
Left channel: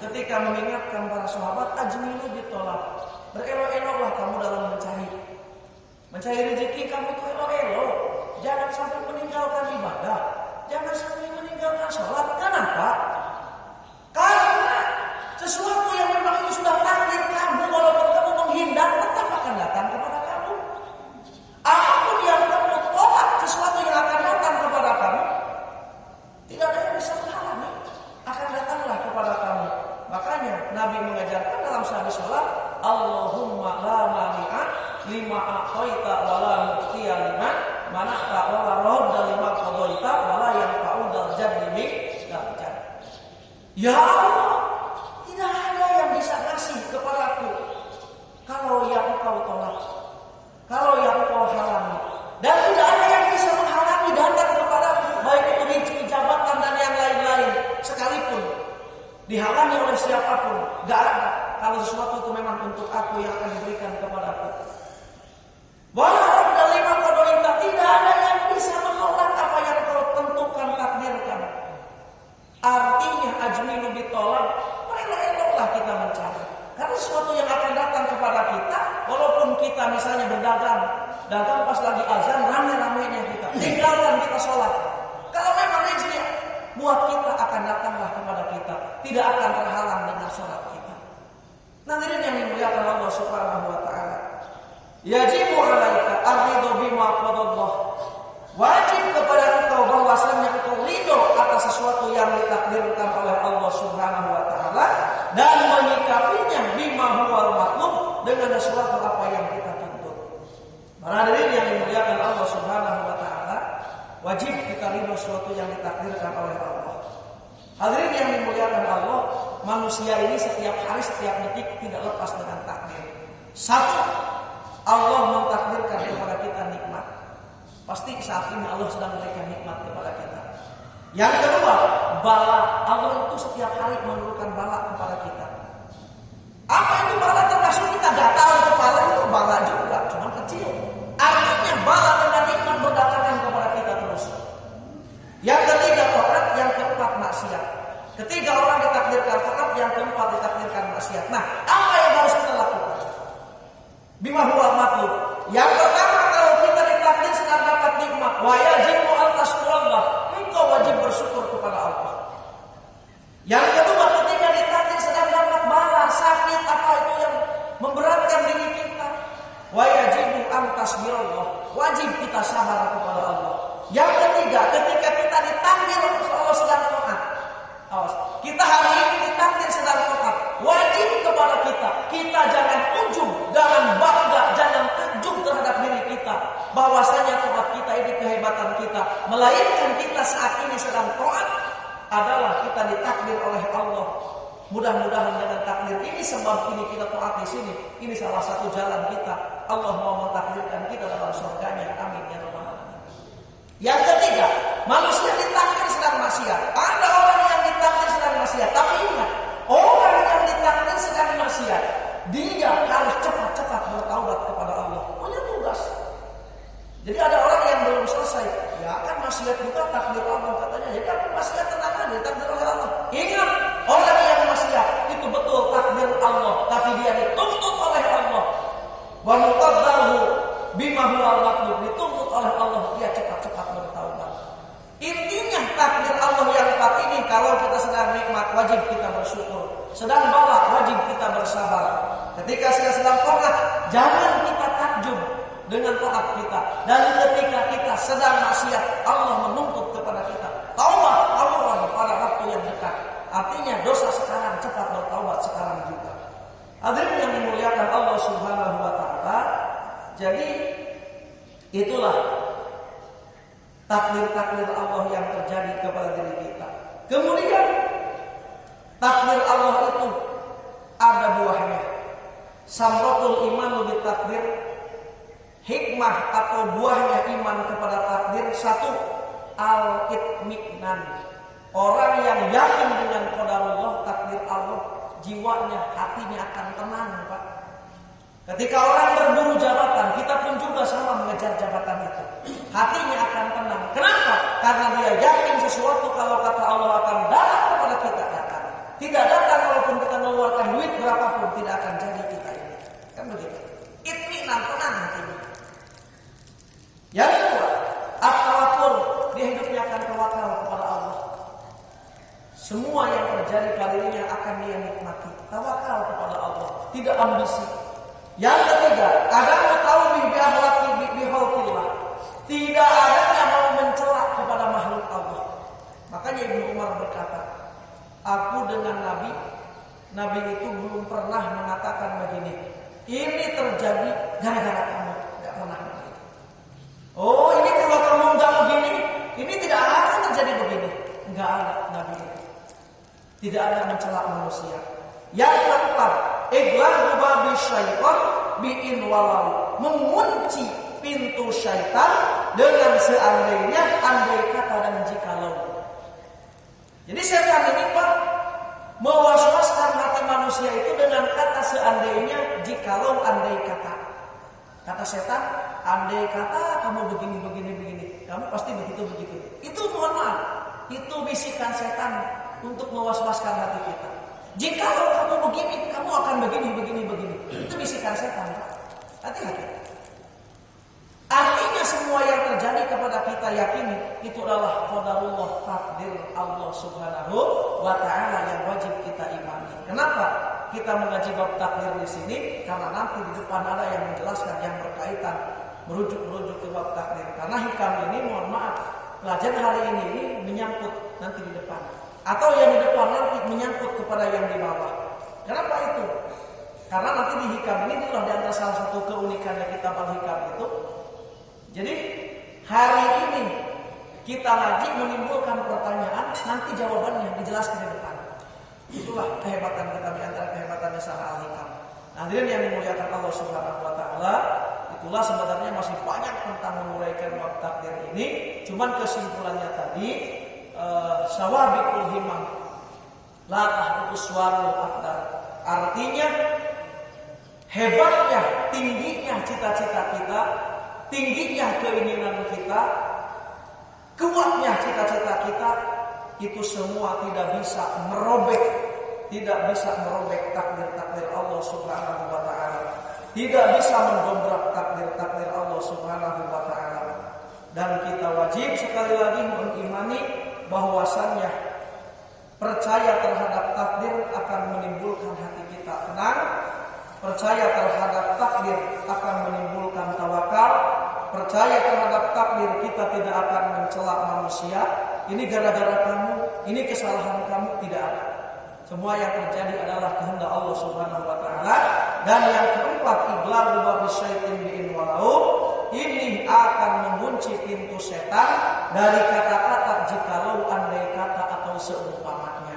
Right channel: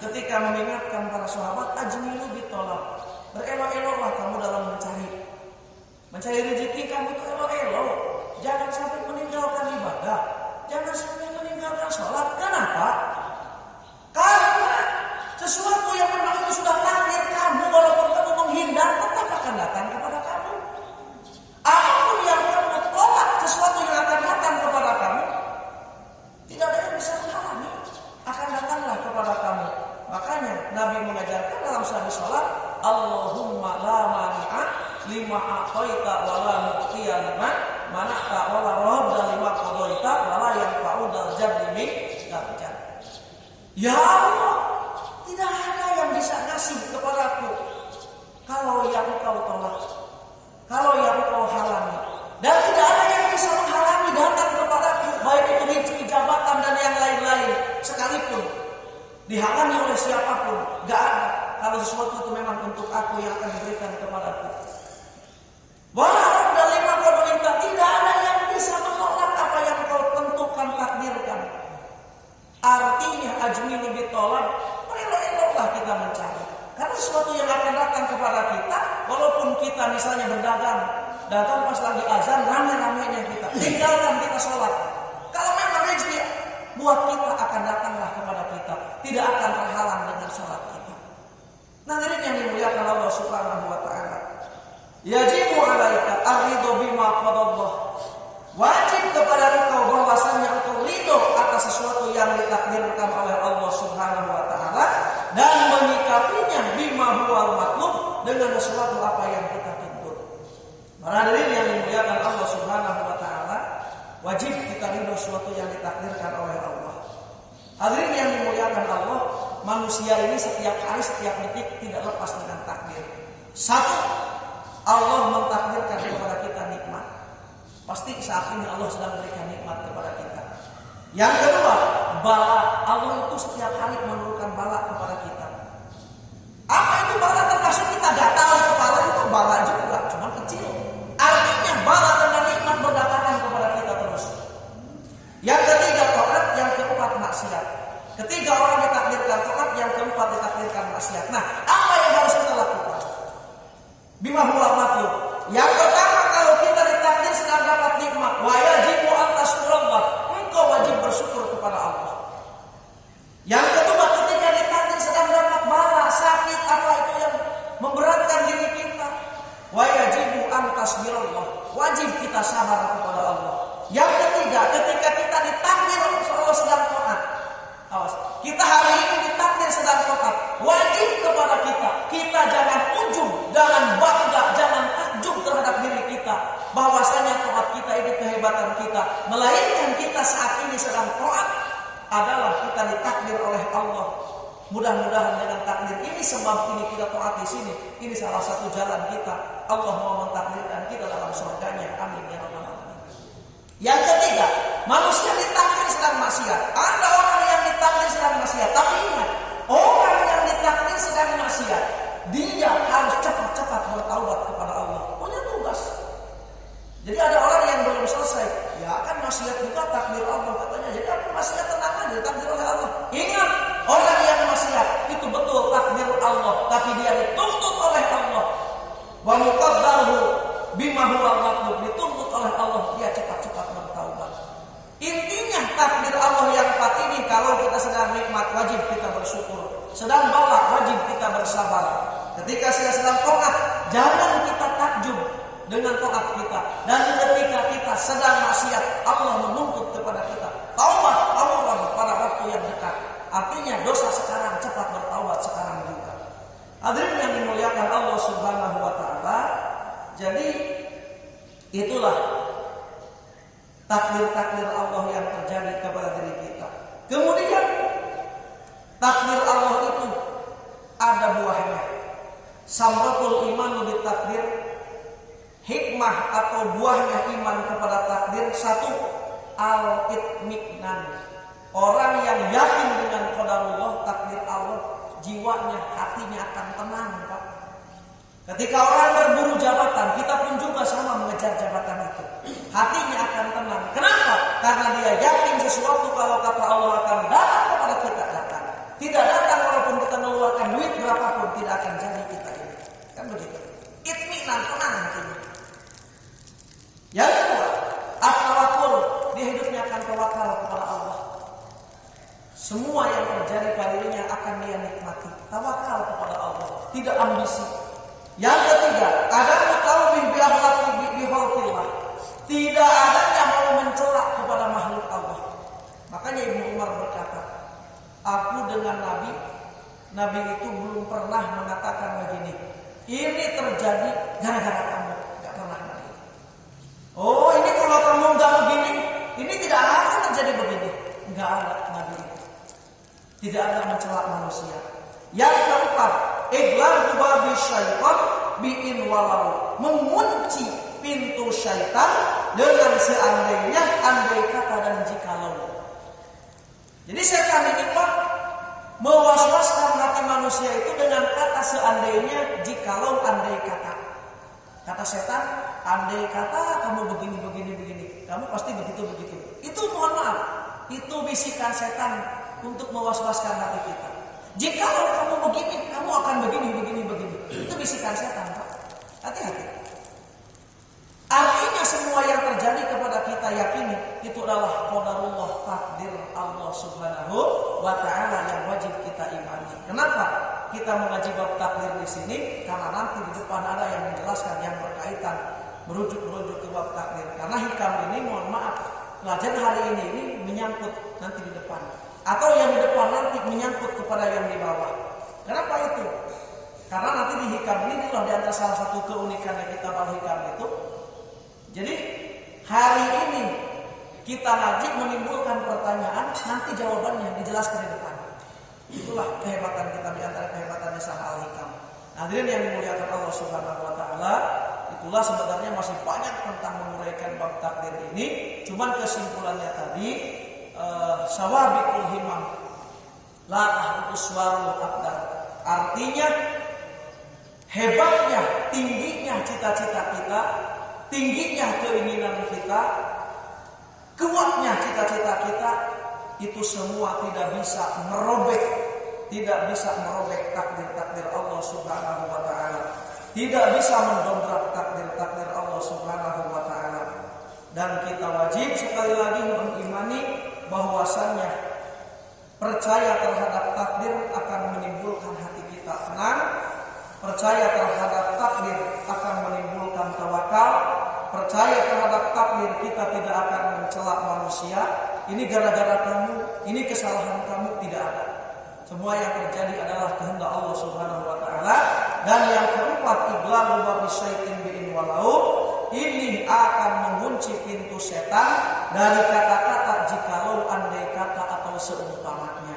ketika mengingatkan para sahabat, ajmilu bitolab, berelok-eloklah kamu dalam mencari rezeki. Kamu itu elok-elok, jangan sampai meninggalkan ibadah, jangan sampai meninggalkan sholat. Kenapa? Karena sesuatu yang memang itu sudah takdir kamu, walaupun kamu menghindar, tetap akan datang kepada kamu. Apapun yang kamu tolak, sesuatu yang akan datang kepada kamu, tidak ada yang bisa menghalangi, akan datanglah kepada lagi sholat, Allahumma la mani'a lima a'taita wa la mu'tiya lima mana'ta wa la radda lima qadaita wa la yanfa'u dzal jaddi minkal jadd. Ya Allah, tidak ada yang bisa ngasih kepadaku kalau yang Engkau tolak, kalau yang Engkau halangi, dan tidak ada yang bisa menghalangi datang kepadaku, baik itu rezeki, jabatan dan yang lain-lain sekalipun. Dihalangi oleh siapapun, gak ada. Kalau sesuatu itu memang untuk aku yang akan diberikan kepadaku. Walau dari qadaita, tidak ada yang bisa menolak apa yang kau tentukan, takdirkan. Artinya ajmilu bitolab, elok-eloklah kita mencari. Karena sesuatu yang akan datang kepada kita, walaupun kita misalnya dagang pas lagi azan, rame-ramenya kita, tinggalkan kita sholat. Kalau memang rezeki buat kita akan datanglah kepada kita, tidak akan terhalang dengan sholat kita. Hadirin yang dimuliakan Allah Subhanahu wa taala. Yajibu 'alaika ar-ridha bima qadallah. Wajib kepada engkau bahwasanya engkau ridho atas sesuatu yang ditakdirkan oleh Allah Subhanahu wa taala dan menyikapinya bima huwal matlub, dengan sesuatu apa yang kita tuntut. Para hadirin yang dimuliakan Allah Subhanahu wa taala, wajib kita ridho sesuatu yang ditakdirkan oleh Allah. Hadirin yang dimuliakan Allah, manusia ini setiap hari, setiap detik tidak lepas dengan takdir. Satu, Allah mentakdirkan kepada kita nikmat. Pasti saat ini Allah sedang memberikan nikmat kepada kita. Yang kedua, bala. Allah itu setiap hari menurunkan bala kepada kita. Apa itu bala? Termasuk kita gatal di kepala, itu bala juga, cuma kecil. Artinya bala dengan nikmat berdatangan kepada kita terus. Yang ketiga taat, yang keempat maksiat. Ketiga orang ditakdirkan taat, yang keempat ditakdirkan maksiat. Nah, apa yang harus kita lakukan? Bima huwal matlub. Yang pertama, kalau kita ditakdir sedang dapat nikmat, wa yajibu an tashkurallah, engkau wajib bersyukur kepada Allah. Yang kedua, ketika ditakdir sedang dapat bala, sakit, apa itu yang memberatkan diri kita, wa yajibu an tasbirallah, wajib kita sabar kepada Allah. Yang ketiga, ketika kita ditakdir Allah sedang taat. Awas, kita hari ini ditakdir sedang taat, wajib kepada kita jangan ujub, jangan bangga, jangan takjub terhadap diri kita bahwasanya taat kita ini kehebatan kita, melainkan kita saat ini sedang taat adalah kita ditakdir oleh Allah. Mudah-mudahan dengan takdir ini, sebab ini kita taat di sini, ini salah satu jalan kita. Allah mau mentakdirkan kita dalam surganya. Amin ya rabbal alamin. Yang ketiga, manusia ditakdir sedang maksiat. Ada orang yang ditakdir sedang maksiat, tapi ingat, orang yang ditakdir sedang maksiat, dia harus cepat-cepat bertaubat kepada Allah. Punya tugas. Jadi ada orang yang belum selesai, ya kan maksiat juga takdir Allah katanya. Jadi apa maksiat, tenang aja, takdir oleh Allah. Ingat, orang yang maksiat itu betul takdir Allah, tapi dia dituntut oleh Allah. Wa muqaddaruhu bima huwal matlub, dituntut oleh Allah, dia cepat-cepat bertaubat. Intinya takdir Allah yang empat ini, kalau kita sedang nikmat wajib kita bersyukur, sedang bala wajib kita bersabar. Ketika sedang taat, jangan kita takjub dengan taat kita. Dan ketika kita sedang maksiat, Allah menuntut kepada kita taubat tawuran pada waktu yang dekat. Artinya dosa sekarang, cepat bertaubat sekarang juga. Hadirin yang dimuliakan Allah Subhanahu wa taala, jadi itulah takdir-takdir Allah yang terjadi kepada diri kita. Kemudian takdir Allah itu ada buahnya. Samratul iman bitakdir, hikmah atau buahnya iman kepada takdir. Satu, al-itminan. Orang yang yakin dengan qadarullah, takdir Allah, jiwanya, hatinya akan tenang, Pak. Ketika orang berburu jabatan, kita pun juga sama mengejar jabatan itu. Hatinya akan tenang. Kenapa? Karena dia yakin sesuatu kalau kata Allah akan datang kepada kita, datang. Tidak datang walaupun kita mengeluarkan duit berapapun, tidak akan jadi kita ini. Kan begitu. Itminan, tenang hatinya. Yang kedua, at-tawakkul, dia hidupnya akan tawakal kepada Allah. Semua yang terjadi pada dirinya akan dia nikmati. Tawakal kepada Allah, tidak ambisi. Yang ketiga, ada mutawbih bi akhlaqi bi khalqillah. Tidak adanya mau mencela kepada makhluk Allah. Makanya Ibnu Umar berkata, aku dengan Nabi Nabi itu belum pernah mengatakan begini, ini terjadi gara-gara kamu. Gak pernah begitu. Oh, ini kalau kamu gak begini, ini tidak akan terjadi begini. Gak ada Nabi itu. Tidak ada mencela manusia. Yang keempat, ighlaqu babi syaitan bi'in walau, mengunci pintu syaitan dengan seandainya, andai kata dan jikalau. Jadi setan ini Pak mewaswaskan hati manusia itu dengan kata seandainya, jikalau, andai kata. Kata setan, andai kata kamu begini, kamu pasti begitu. Itu mohon maaf, itu bisikan setan untuk mewaswaskan hati kita. Jikalau kamu begini, kamu akan begini. Itu bisikan setan, Pak. Hati-hati. Artinya semua yang terjadi kepada kita yakini itu adalah qadarullah, takdir Allah Subhanahu wa taala yang wajib kita imani. Kenapa kita mengaji bab takdir di sini? Karena nanti di depan ada yang menjelaskan yang berkaitan merujuk ke bab takdir. Karena hikam ini mohon maaf, pelajaran hari ini menyangkut nanti di depan, atau yang di depan nanti menyangkut kepada yang di bawah. Kenapa itu? Karena nanti di hikam ini adalah di antara salah satu keunikannya kitab Al-Hikam itu. Jadi hari ini kita ngaji menimbulkan pertanyaan, nanti jawabannya dijelaskan di depan. Itulah kehebatan kita, di antara kehebatannya Syarah Al-Hikam. Hadirin yang dimuliakan Allah Subhanahu wa taala, itulah sebenarnya masih banyak tentang menguraikan bab takdir ini. Cuman kesimpulannya tadi sawabiqul himam la tahbus warul aqdar. Artinya hebatnya, tingginya cita-cita kita, tingginya keinginan kita, kuatnya cita-cita kita, itu semua tidak bisa merobek takdir Allah Subhanahu wa taala. Tidak bisa mendobrak takdir Allah Subhanahu wa taala. Dan kita wajib sekali lagi mengimani bahwasannya percaya terhadap takdir akan menimbulkan hati kita tenang. Percaya terhadap takdir akan menimbulkan tawakal. Percaya terhadap takdir kita tidak akan mencela manusia. Ini gara-gara kamu, ini kesalahan kamu, tidak ada. Semua yang terjadi adalah kehendak Allah Subhanahu wa taala. Dan yang keempat, ighlaqu babi syaitin bi'in walau, ini akan mengunci pintu setan dari kata-kata jikalau, andai kata, atau seumpamanya.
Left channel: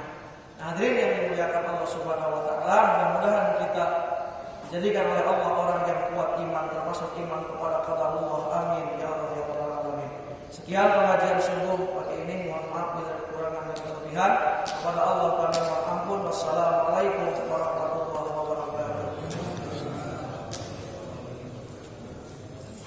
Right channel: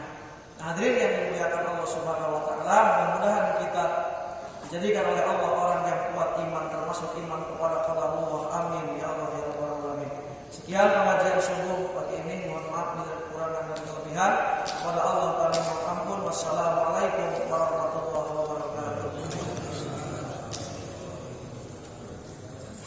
Nah, hadirin yang dimuliakan Allah Subhanahu wa taala, mudah-mudahan kita jadikan oleh Allah orang yang kuat iman, termasuk iman kepada qadarullah. Amin ya Allah ya rabbal alamin. Sekian pengajian subuh pagi ini. Mohon maaf bila kekurangan dan kelebihan. Kepada Allah kami mohon ampun. Wassalamualaikum